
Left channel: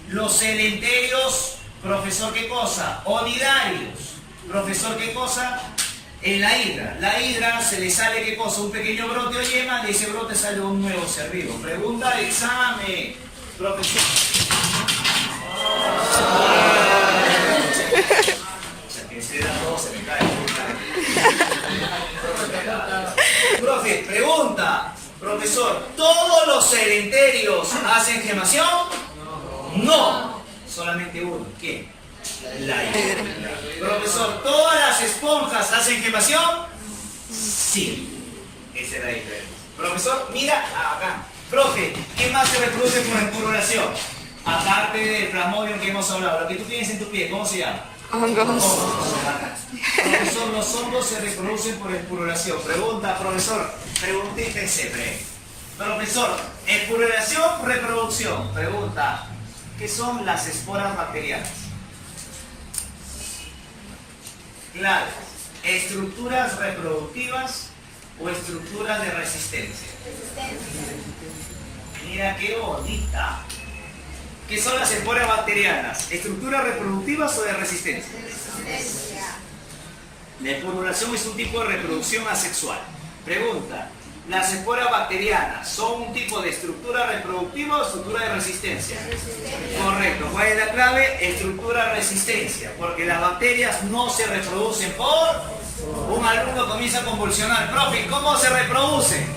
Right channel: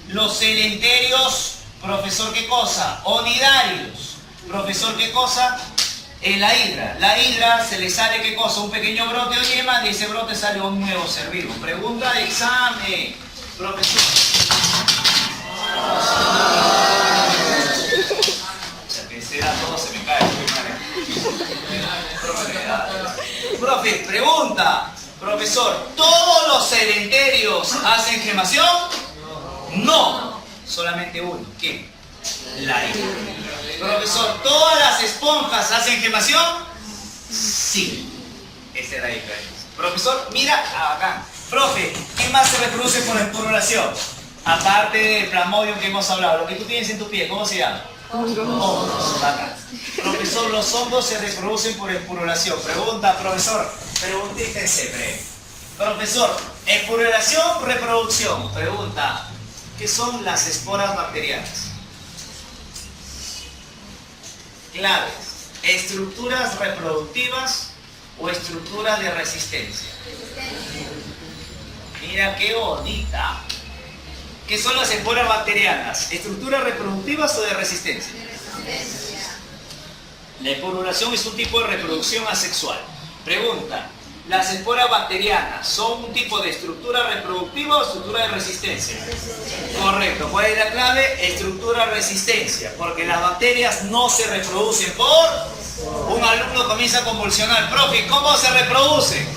Los celenterios, profesor, ¿qué cosa? Onidarios. Profesor, ¿qué cosa? La hidra. La hidra se le sale, ¿qué cosa? Un pequeño brote o yema, de ese brote sale un nuevo ser vivo. Pregunta de examen. Profesor. Ese era todo, se me cae. Profe, pregunta. Profesor, ¿todos los celenterios hacen gemación? No. Solamente uno. ¿Quién? La hidra. Profesor, ¿todas las esponjas hacen gemación? Sí. Esa es la diferencia. Profesor, mira acá. Profe, ¿qué más se reproduce por espurulación? Aparte del plasmodium que hemos hablado, lo que tú tienes en tu pie, ¿cómo se llama? Hongos. Hongos. Profesor, los hongos se reproducen por espurulación. Pregunta, profesor. Preguntita siempre. Profesor, espurulación, reproducción. Pregunta, ¿qué son las esporas bacterianas? Claves. ¿Estructuras reproductivas o estructuras de resistencia? Mira qué bonita. ¿Qué son las esporas bacterianas? ¿Estructuras reproductivas o de resistencia? La esporulación es un tipo de reproducción asexual. Pregunta, ¿las esporas bacterianas son un tipo de estructura reproductiva o estructura de resistencia? Correcto. ¿Cuál es la clave? Estructura resistencia. Porque las bacterias no se reproducen por... Un alumno comienza a convulsionar. Profe, ¿cómo se reproduce?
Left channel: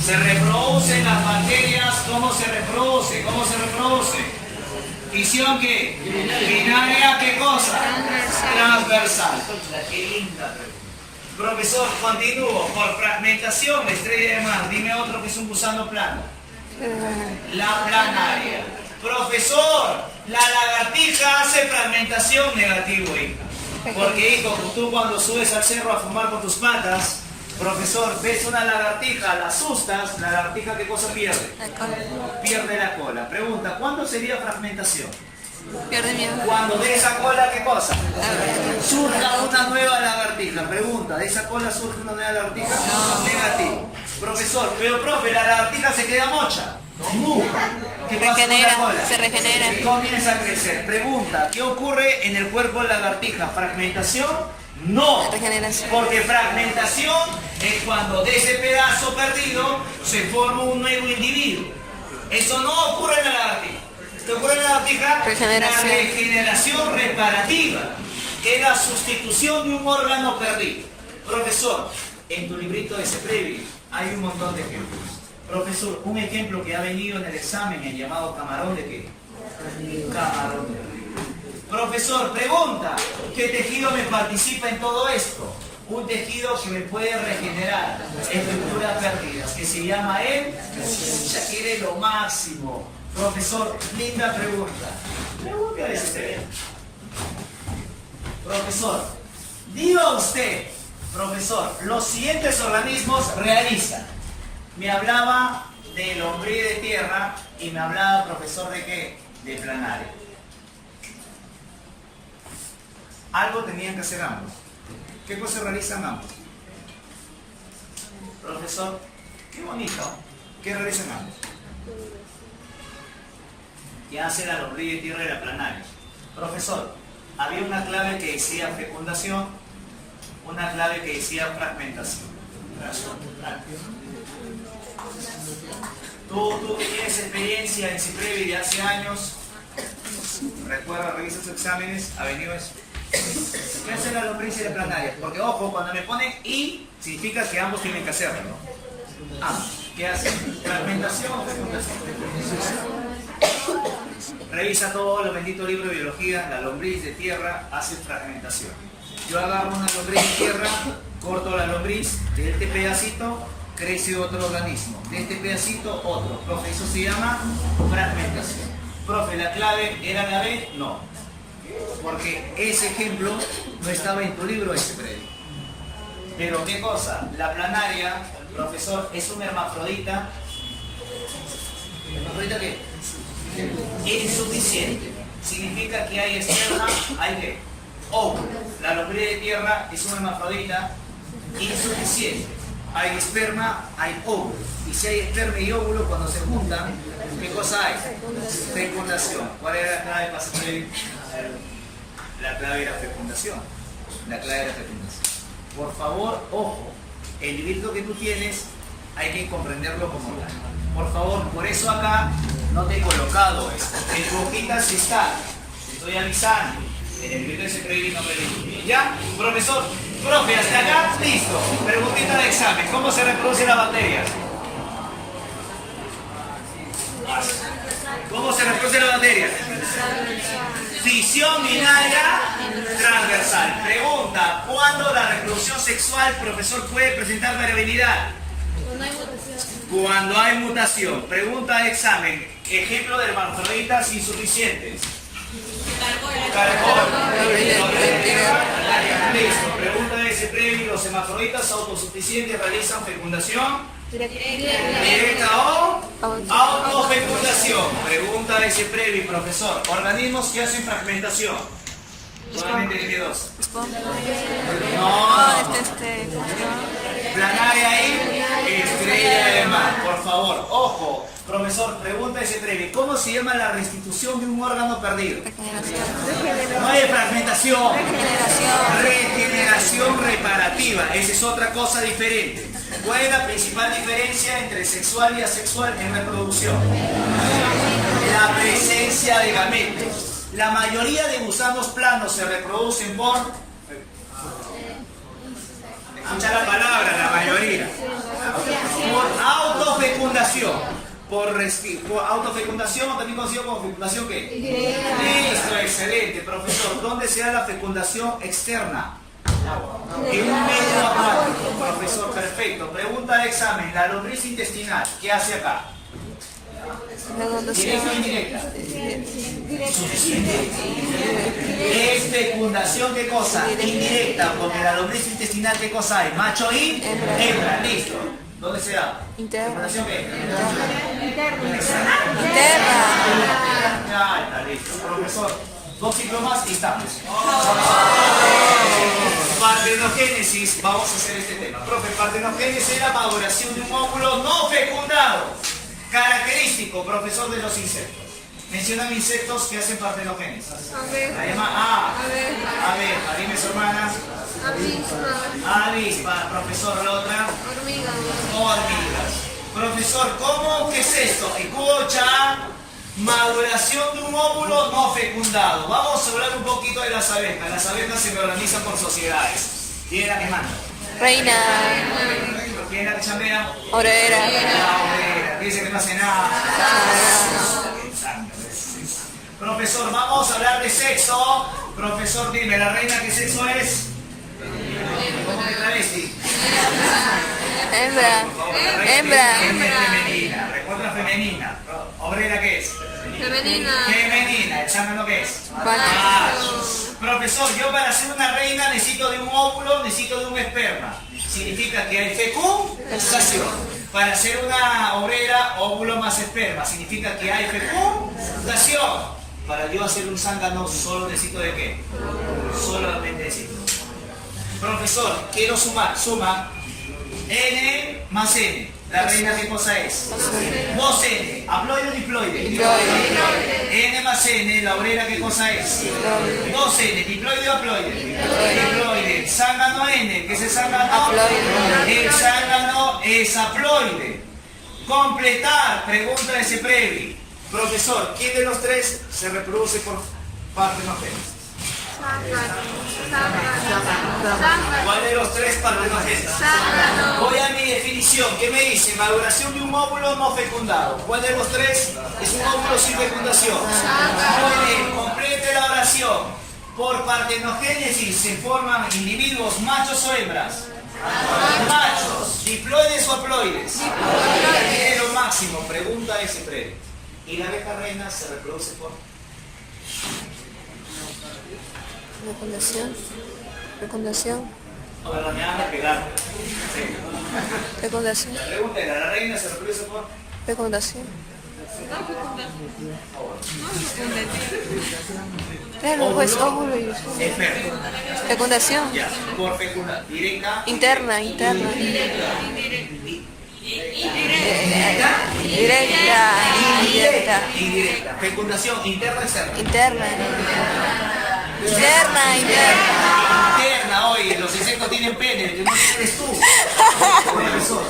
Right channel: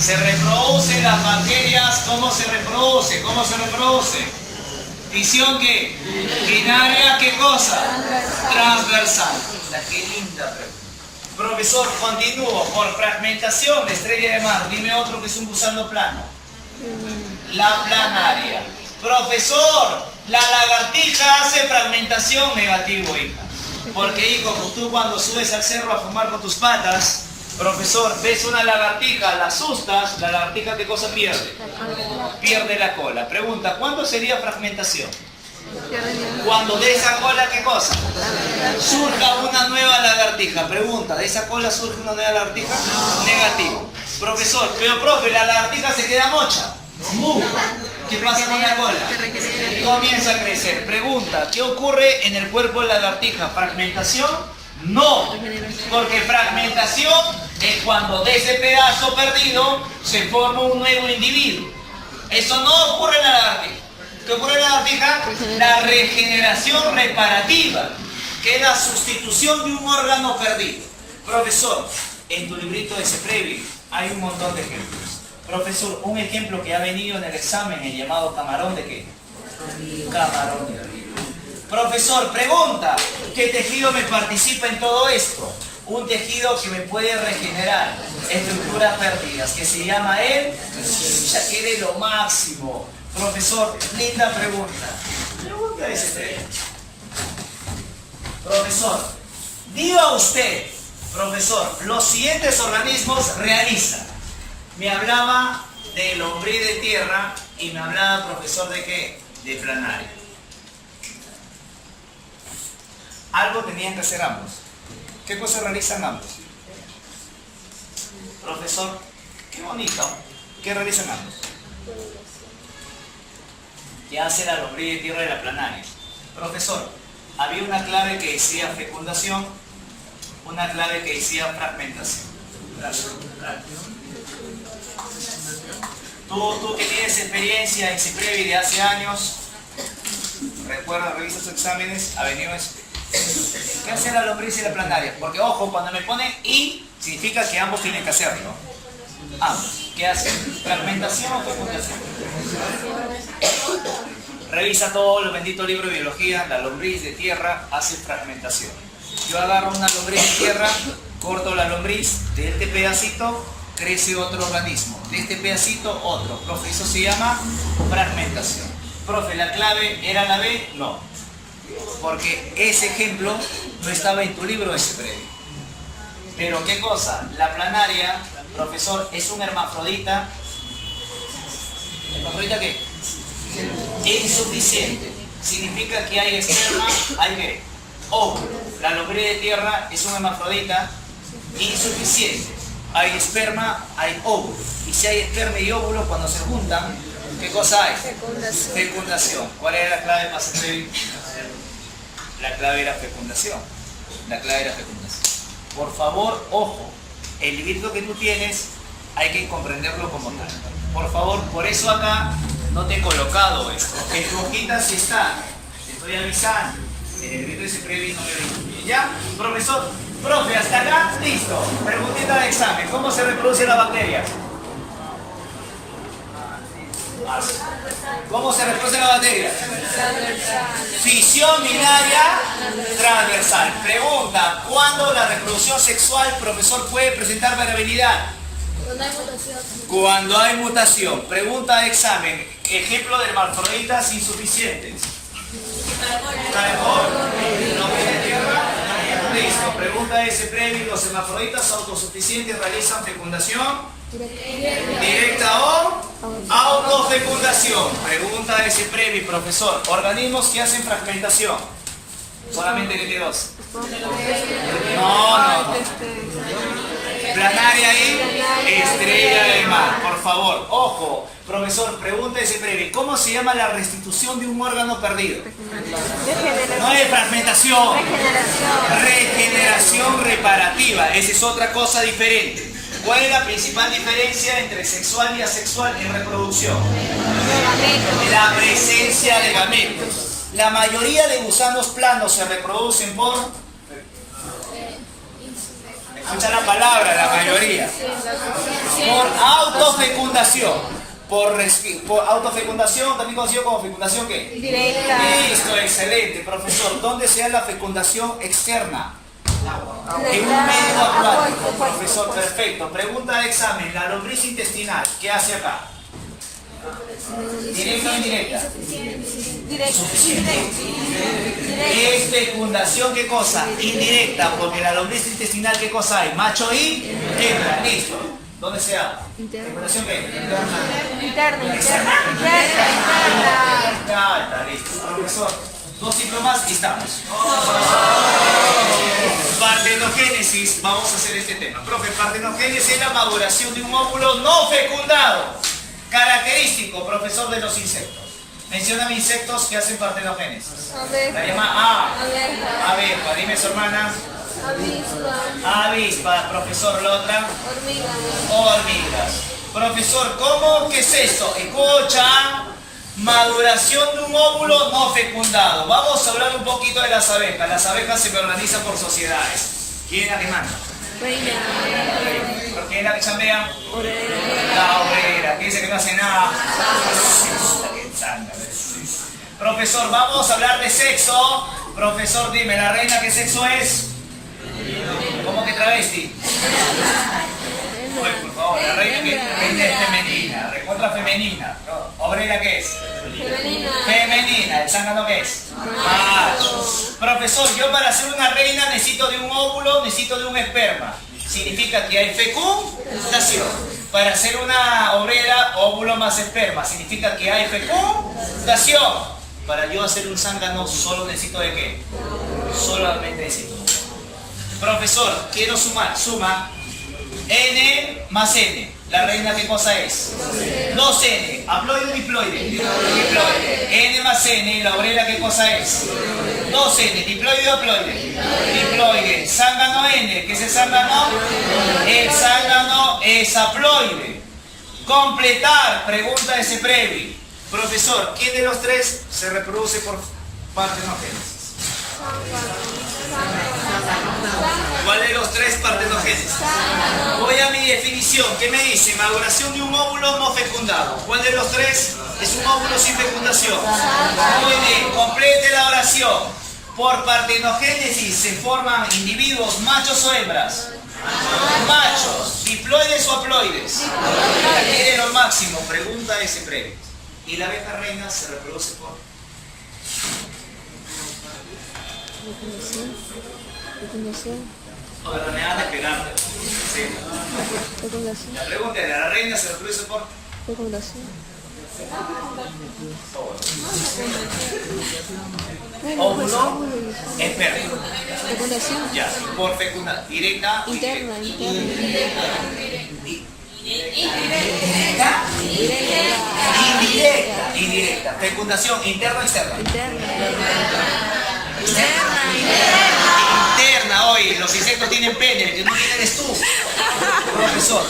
Se reproducen las bacterias. ¿Cómo se reproduce? ¿Cómo se reproduce? Fisión, ¿qué? Binaria, ¿qué cosa? Transversal. Qué linda pregunta. Profesor, continúo. Por fragmentación de estrella de mar. Dime otro que es un gusano plano. La planaria. Profesor, la lagartija hace fragmentación. Negativo, hija. Porque, hijo, tú cuando subes al cerro a fumar con tus patas, profesor, ves una lagartija, la asustas, la lagartija, ¿qué cosa pierde? La cola. Pierde la cola. Pregunta, ¿cuándo sería fragmentación? Pierde miedo. Cuando de esa cola, ¿qué cosa? La Surja una nueva lagartija. Pregunta, ¿de esa cola surge una nueva lagartija? No. Negativo. Profesor, pero profe, la lagartija se queda mocha. ¿Qué pasa con la cola? Se regenera. Y comienza a crecer. Pregunta, ¿qué ocurre en el cuerpo de la lagartija? ¿Fragmentación? No. Regeneración. Porque fragmentación es cuando de ese pedazo perdido se forma un nuevo individuo. Eso no ocurre en la lagartija. ¿Qué ocurre en la lagartija? La regeneración reparativa, que es la sustitución de un órgano perdido. Profesor, en tu librito de CEPREVI hay un montón de ejemplos. Profesor, un ejemplo que ha venido en el examen, el llamado camarón de qué? Camarón de río. Profesor, pregunta, ¿qué tejido me participa en todo esto? Un tejido que me puede regenerar estructuras perdidas, que se llama ya quiere lo máximo. Profesor, linda pregunta. Pregunta de ese. Profesor, diga usted, profesor, los siguientes organismos realizan. Me hablaba de lombriz de tierra y me hablaba, profesor, ¿de qué? De planaria. Algo tenían que hacer ambos. ¿Qué cosas realizan ambos? Profesor, qué bonito. ¿Qué realizan ambos? ¿Qué hace la lombriz de tierra y la planaria? Profesor, había una clave que decía fecundación, una clave que decía fragmentación. Tú que tienes experiencia en CIPREVI de hace años, recuerda, revisa tus exámenes, ha venido eso. ¿Qué hace la lombriz y la planaria? Porque ojo, cuando me ponen y, significa que ambos tienen que hacerlo. Ambos. ¿Qué hacen? ¿Fragmentación o fecundación? Revisa todo el bendito libro de biología, la lombriz de tierra hace fragmentación. Yo agarro una lombriz de tierra, corto la lombriz, de este pedacito crece otro organismo, de este pedacito otro. Profe, eso se llama fragmentación. Profe, ¿la clave era la B? No, porque ese ejemplo no estaba en tu libro ese previo. Pero ¿qué cosa? La planaria, profesor, es un hermafrodita. ¿Hermafrodita qué? Insuficiente. Significa que hay esperma, hay ¿qué? Óvulo. La lombriz de tierra es un hermafrodita insuficiente. Hay esperma, hay óvulo. Y si hay esperma y óvulo, cuando se juntan, ¿qué cosa hay? Fecundación. ¿Cuál era la clave para hacer? La clave era fecundación. La clave era fecundación. Por favor, ojo, el librito que tú tienes hay que comprenderlo como tal. Por favor, por eso acá no te he colocado esto. En tu hojita sí está. Te estoy avisando. En el librito de CIPREVI no me lo. ¿Ya? Profesor, profe, hasta acá, listo. Preguntita de examen. ¿Cómo se reproduce la bacteria? ¿Cómo se reproduce la bacteria? Fisión binaria transversal. Pregunta, ¿cuándo la reproducción sexual, profesor, puede presentar variabilidad? Cuando hay mutación. Pregunta de examen. Ejemplo de hermafroditas insuficientes. Caracol. Listo. Pregunta de ese previo. ¿Los hermafroditas autosuficientes realizan fecundación directa o autofecundación? Pregunta de ese previo, profesor. Organismos que hacen fragmentación. Solamente que dos. No. ¿Cómo se llama? Planaria y estrella de mar. Por favor, ojo. Profesor, pregunta ese previo. ¿Cómo se llama la restitución de un órgano perdido? No es fragmentación. Regeneración reparativa. Esa es otra cosa diferente. ¿Cuál es la principal diferencia entre sexual y asexual en reproducción? La presencia de gametos. La mayoría de gusanos planos se reproducen por... Escucha la palabra, la mayoría. Por autofecundación. Por autofecundación, también conocido como fecundación ¿qué? Directa. Listo, excelente. Profesor, ¿dónde se da la fecundación externa? En un medio acuático. Profesor, perfecto. Pregunta de examen. La lombriz intestinal, ¿qué hace acá? ¿Directa o indirecta? Suficiente. Es fecundación, ¿qué cosa? Indirecta, porque la lombriz intestinal, ¿qué cosa hay? Macho y hembra, listo. ¿Dónde se da? ¿Fecundación qué? Interna. Ya está, listo. Profesor, 2 ciclos más y estamos. Partenogénesis, vamos a hacer este tema. Profe, partenogénesis es la maduración de un óvulo no fecundado. Característico, profesor, de los insectos. Mencióname insectos que hacen partenogénesis. La llama abeja. Dime su hermana. Avispa. Profesor, la otra. Hormigas. Profesor, ¿cómo? ¿Qué es esto? Escucha. Maduración de un óvulo no fecundado. Vamos a hablar un poquito de las abejas. Las abejas se organizan por sociedades. ¿Quién es la que manda? Reina. ¿Quién es la que chambea? Obrera. La obrera, que dice que no hace nada. Profesor, vamos a hablar de sexo. Profesor, dime, ¿la reina qué sexo es? ¿Cómo que travesti? Hembra. Por favor, la reina es femenina, recontra femenina. ¿Obrera qué es? Femenina. ¿El zángano qué es? Macho. Profesor, yo para ser una reina necesito de un óvulo, necesito de un esperma. Significa que hay fecundación. Para ser una obrera, óvulo más esperma. Significa que hay fecundación. Para yo hacer un zángano, solo necesito de qué? Solamente necesito. Profesor. Profesor, quiero sumar. Suma. N más N. ¿La reina qué cosa es? 2N. ¿Haploide o diploide? Diploide. N más N. ¿La obrera qué cosa es? 2N. ¿Diploide o haploide? Diploide. Zángano N. ¿Qué es el zángano? El zángano es haploide. Completar. Pregunta de Seprevi. Profesor, ¿quién de los tres se reproduce por partenogénesis? ¿Cuál de los tres partenogénesis? Voy a mi definición. ¿Qué me dice? Maduración de un óvulo no fecundado. ¿Cuál de los tres es un óvulo sin fecundación? Muy bien, complete la oración. Por partenogénesis se forman individuos machos o hembras. Machos, diploides o haploides. Aquí de lo máximo, pregunta ese previo. ¿Y la abeja reina se reproduce por? Fecundación. Para me van a pegar. Sí. Fecundación. La pregunta es, ¿la reina se reproduce por? Fecundación. Claro, pues óvulo y óvulo. Esperma. Fecundación. Ya, por fecunda. Directa. Interna. Indirecta. Indirecta. Fecundación interna o externa. Interna. Interna, oye, los insectos tienen pene, el que no tiene eres tú. Profesor,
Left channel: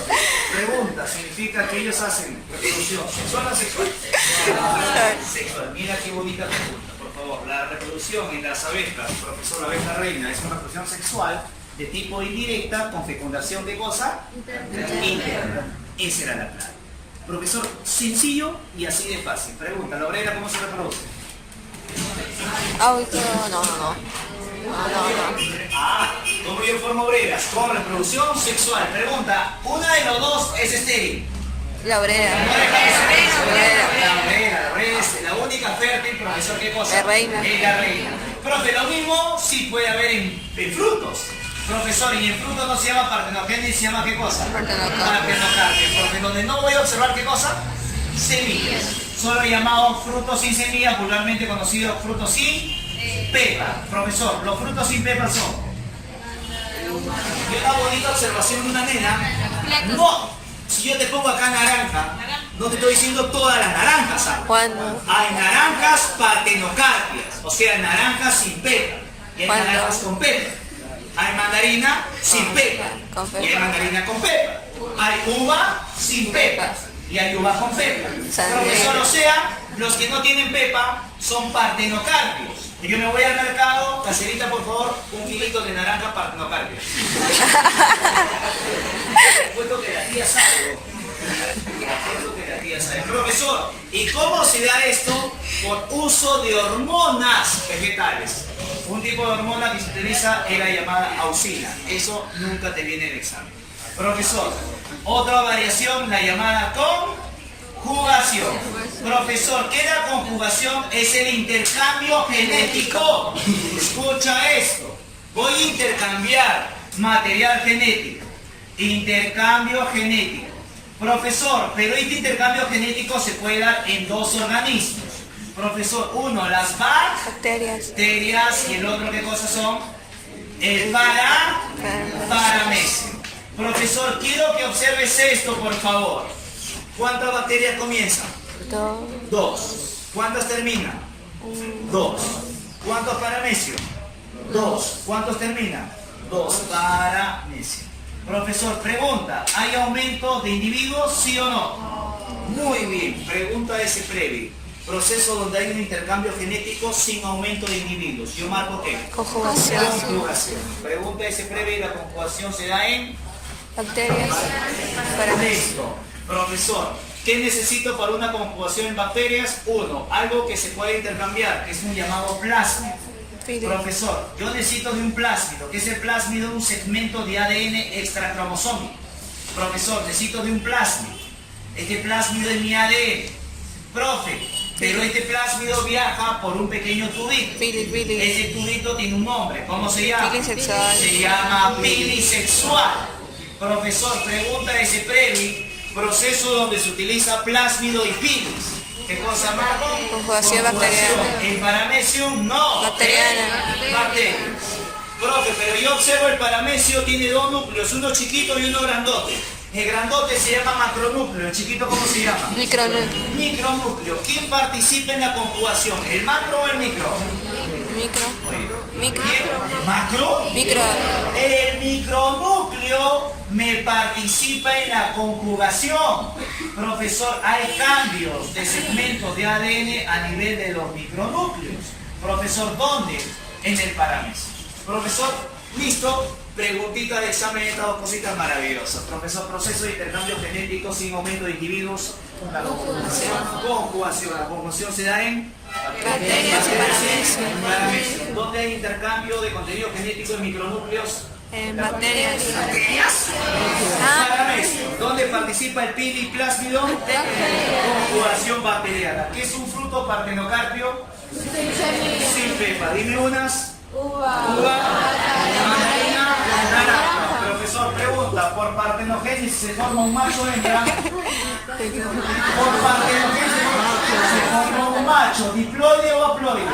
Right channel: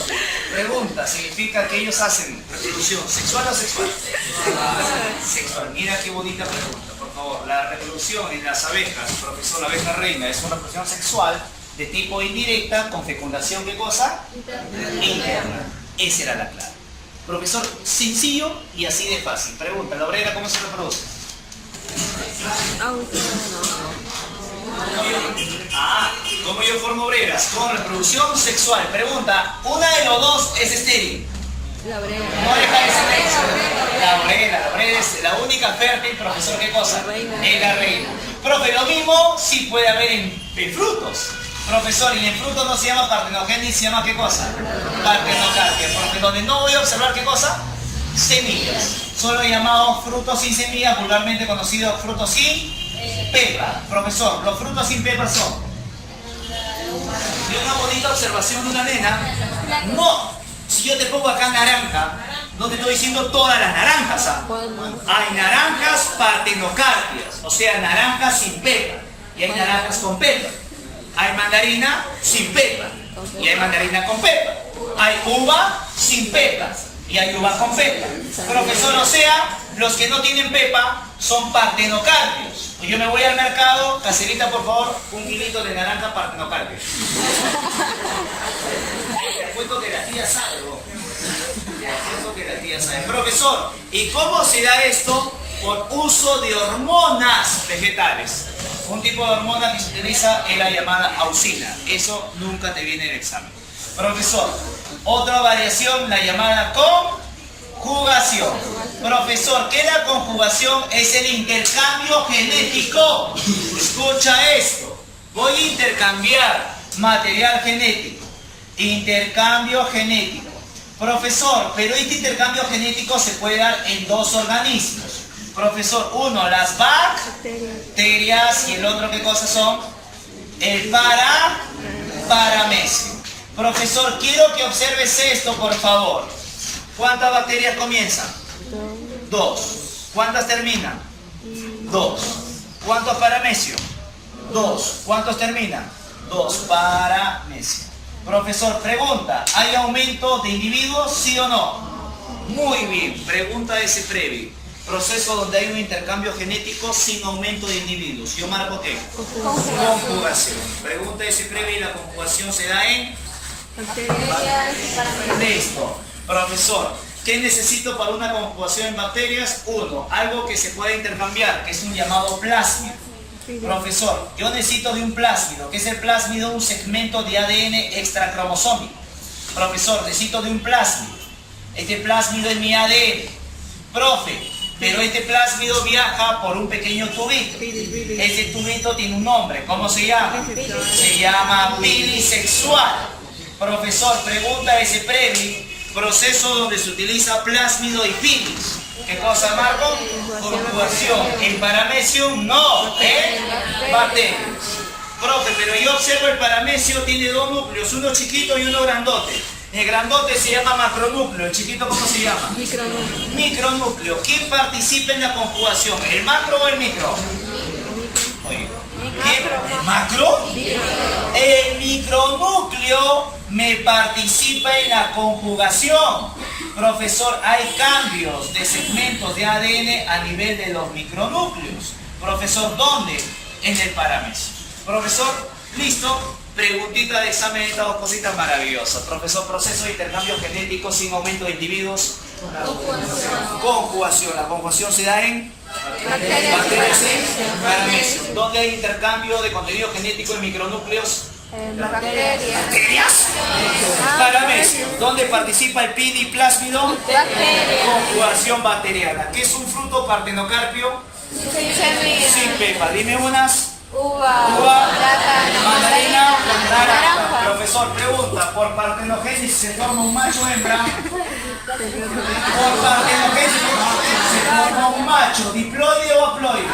pregunta, ¿significa que ellos hacen reproducción sexual o sexual? Sexual. Mira qué bonita pregunta, por favor. La reproducción en las abejas, profesor, la abeja reina, es una reproducción sexual de tipo indirecta con fecundación, ¿qué cosa? Interna. Esa era la clave. Profesor, sencillo y así de fácil. Pregunta, ¿la obrera cómo se reproduce? Ah, ¿cómo yo formo obreras? Con reproducción sexual. Pregunta, ¿una de los dos es estéril? La obrera. No deja de ser eso. La obrera es la única fértil, profesor, ¿qué cosa? La reina. Es la reina. Profe, lo mismo sí puede haber en frutos. Profesor, y en frutos no se llama partenogénesis, se llama ¿qué cosa? Partenocarpia. Profe, donde no voy a observar ¿qué cosa? Semillas. Solo llamado frutos sin semillas, vulgarmente conocido frutos sin pepa. Profesor, los frutos sin pepa son. Y una bonita observación de una nena. No, si yo te pongo acá naranja, no te estoy diciendo todas las naranjas, ¿ah? ¿Cuándo? Hay naranjas partenocarpias, o sea, naranjas sin pepa. Y hay naranjas con pepa. Hay mandarina sin pepa. Y hay mandarina con pepa. Hay uva sin pepa. Y hay uva con pepa. Profesor, o sea, los que no tienen pepa son partenocarpios. Y yo me voy al mercado, caserita, por favor, 1 kilito de naranja partenocarpio. Te cuento que la tía sabe, Profesor, ¿y cómo se da esto? Por uso de hormonas vegetales. Un tipo de hormona que se utiliza es la llamada auxina. Eso nunca te viene en el examen. Profesor, otra variación, la llamada conjugación. Profesor, ¿qué es la conjugación? Es el intercambio genético. Escucha esto. Voy a intercambiar material genético. Intercambio genético. Profesor, pero este intercambio genético se puede dar en 2 organismos. Profesor, uno, las bacterias, y el otro, ¿qué cosas son? El paramesio. Profesor, quiero que observes esto, por favor. ¿Cuántas bacterias comienzan? 2. ¿Cuántas terminan? 2. ¿Cuántos paramesios? 2. ¿Cuántos terminan? 2. Paramesio. Profesor, pregunta, ¿hay aumento de individuos, sí o no? Muy bien, pregunta ese previo. Proceso donde hay un intercambio genético sin aumento de individuos. Yo marco ¿qué? Conjugación. Pregunta ese previo y la conjugación se da en... Listo. Profesor, ¿qué necesito para una conjugación en bacterias? 1. Algo que se pueda intercambiar, que es un llamado plásmido. Profesor, yo necesito de un plásmido. ¿Qué es el plásmido? Un segmento de ADN extracromosómico. Profesor, necesito de un plásmido. Este plásmido es mi ADN. Profe, pero este plásmido viaja por un pequeño tubito. Ese tubito tiene un nombre. ¿Cómo se llama? Se llama pilisexual. Profesor, pregunta ese previ. Proceso donde se utiliza plásmido y pilis. ¿Qué cosa, Marco? Conjugación. En paramecium, no. Bacterias. Profe, pero yo observo el paramecio tiene dos núcleos, uno chiquito y uno grandote. El grandote se llama macronúcleo, el chiquito ¿cómo se llama? Micronúcleo. Micronúcleo. ¿Quién participa en la conjugación? ¿El macro o el micro? Micro. Oye, Micro. ¿el macro? Micro. El micronúcleo me participa en la conjugación. Profesor, hay cambios de segmentos de ADN a nivel de los micronúcleos. Profesor, ¿dónde? En el paramecio. Profesor, listo. Preguntita de examen, estas dos cositas maravillosas. Profesor, proceso de intercambio genético sin aumento de individuos. Conjugación. La conjugación se da en Bacterias y paramecio. paramecio. ¿Dónde hay intercambio de contenido genético en micronúcleos? En bacterias. ¿Bacterias? Paramecio. ¿Dónde participa el pin y plásmido? Conjugación bacteriana. ¿Qué es un fruto partenocarpio? Sin pepa. Dime unas. Uva, mandarina, naranja. Profesor, pregunta, ¿por partenogénesis se forma un macho o hembra? Por partenogénesis se forma un macho, ¿diploide o haploide?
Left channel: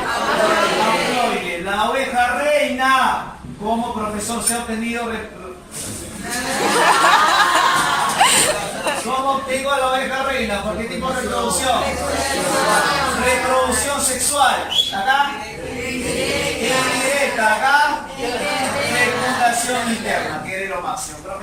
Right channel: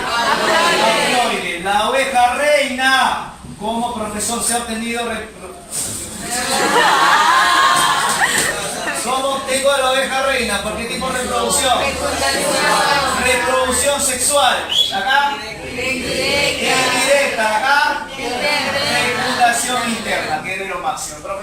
Haploide. La oveja reina, ¿cómo, profesor, se ha obtenido? ¿Cómo obtengo a la oveja reina? ¿Por qué tipo de reproducción? Reproducción sexual. ¿Acá? Indirecta. ¿Acá? Fecundación interna, que es lo máximo. Profesor.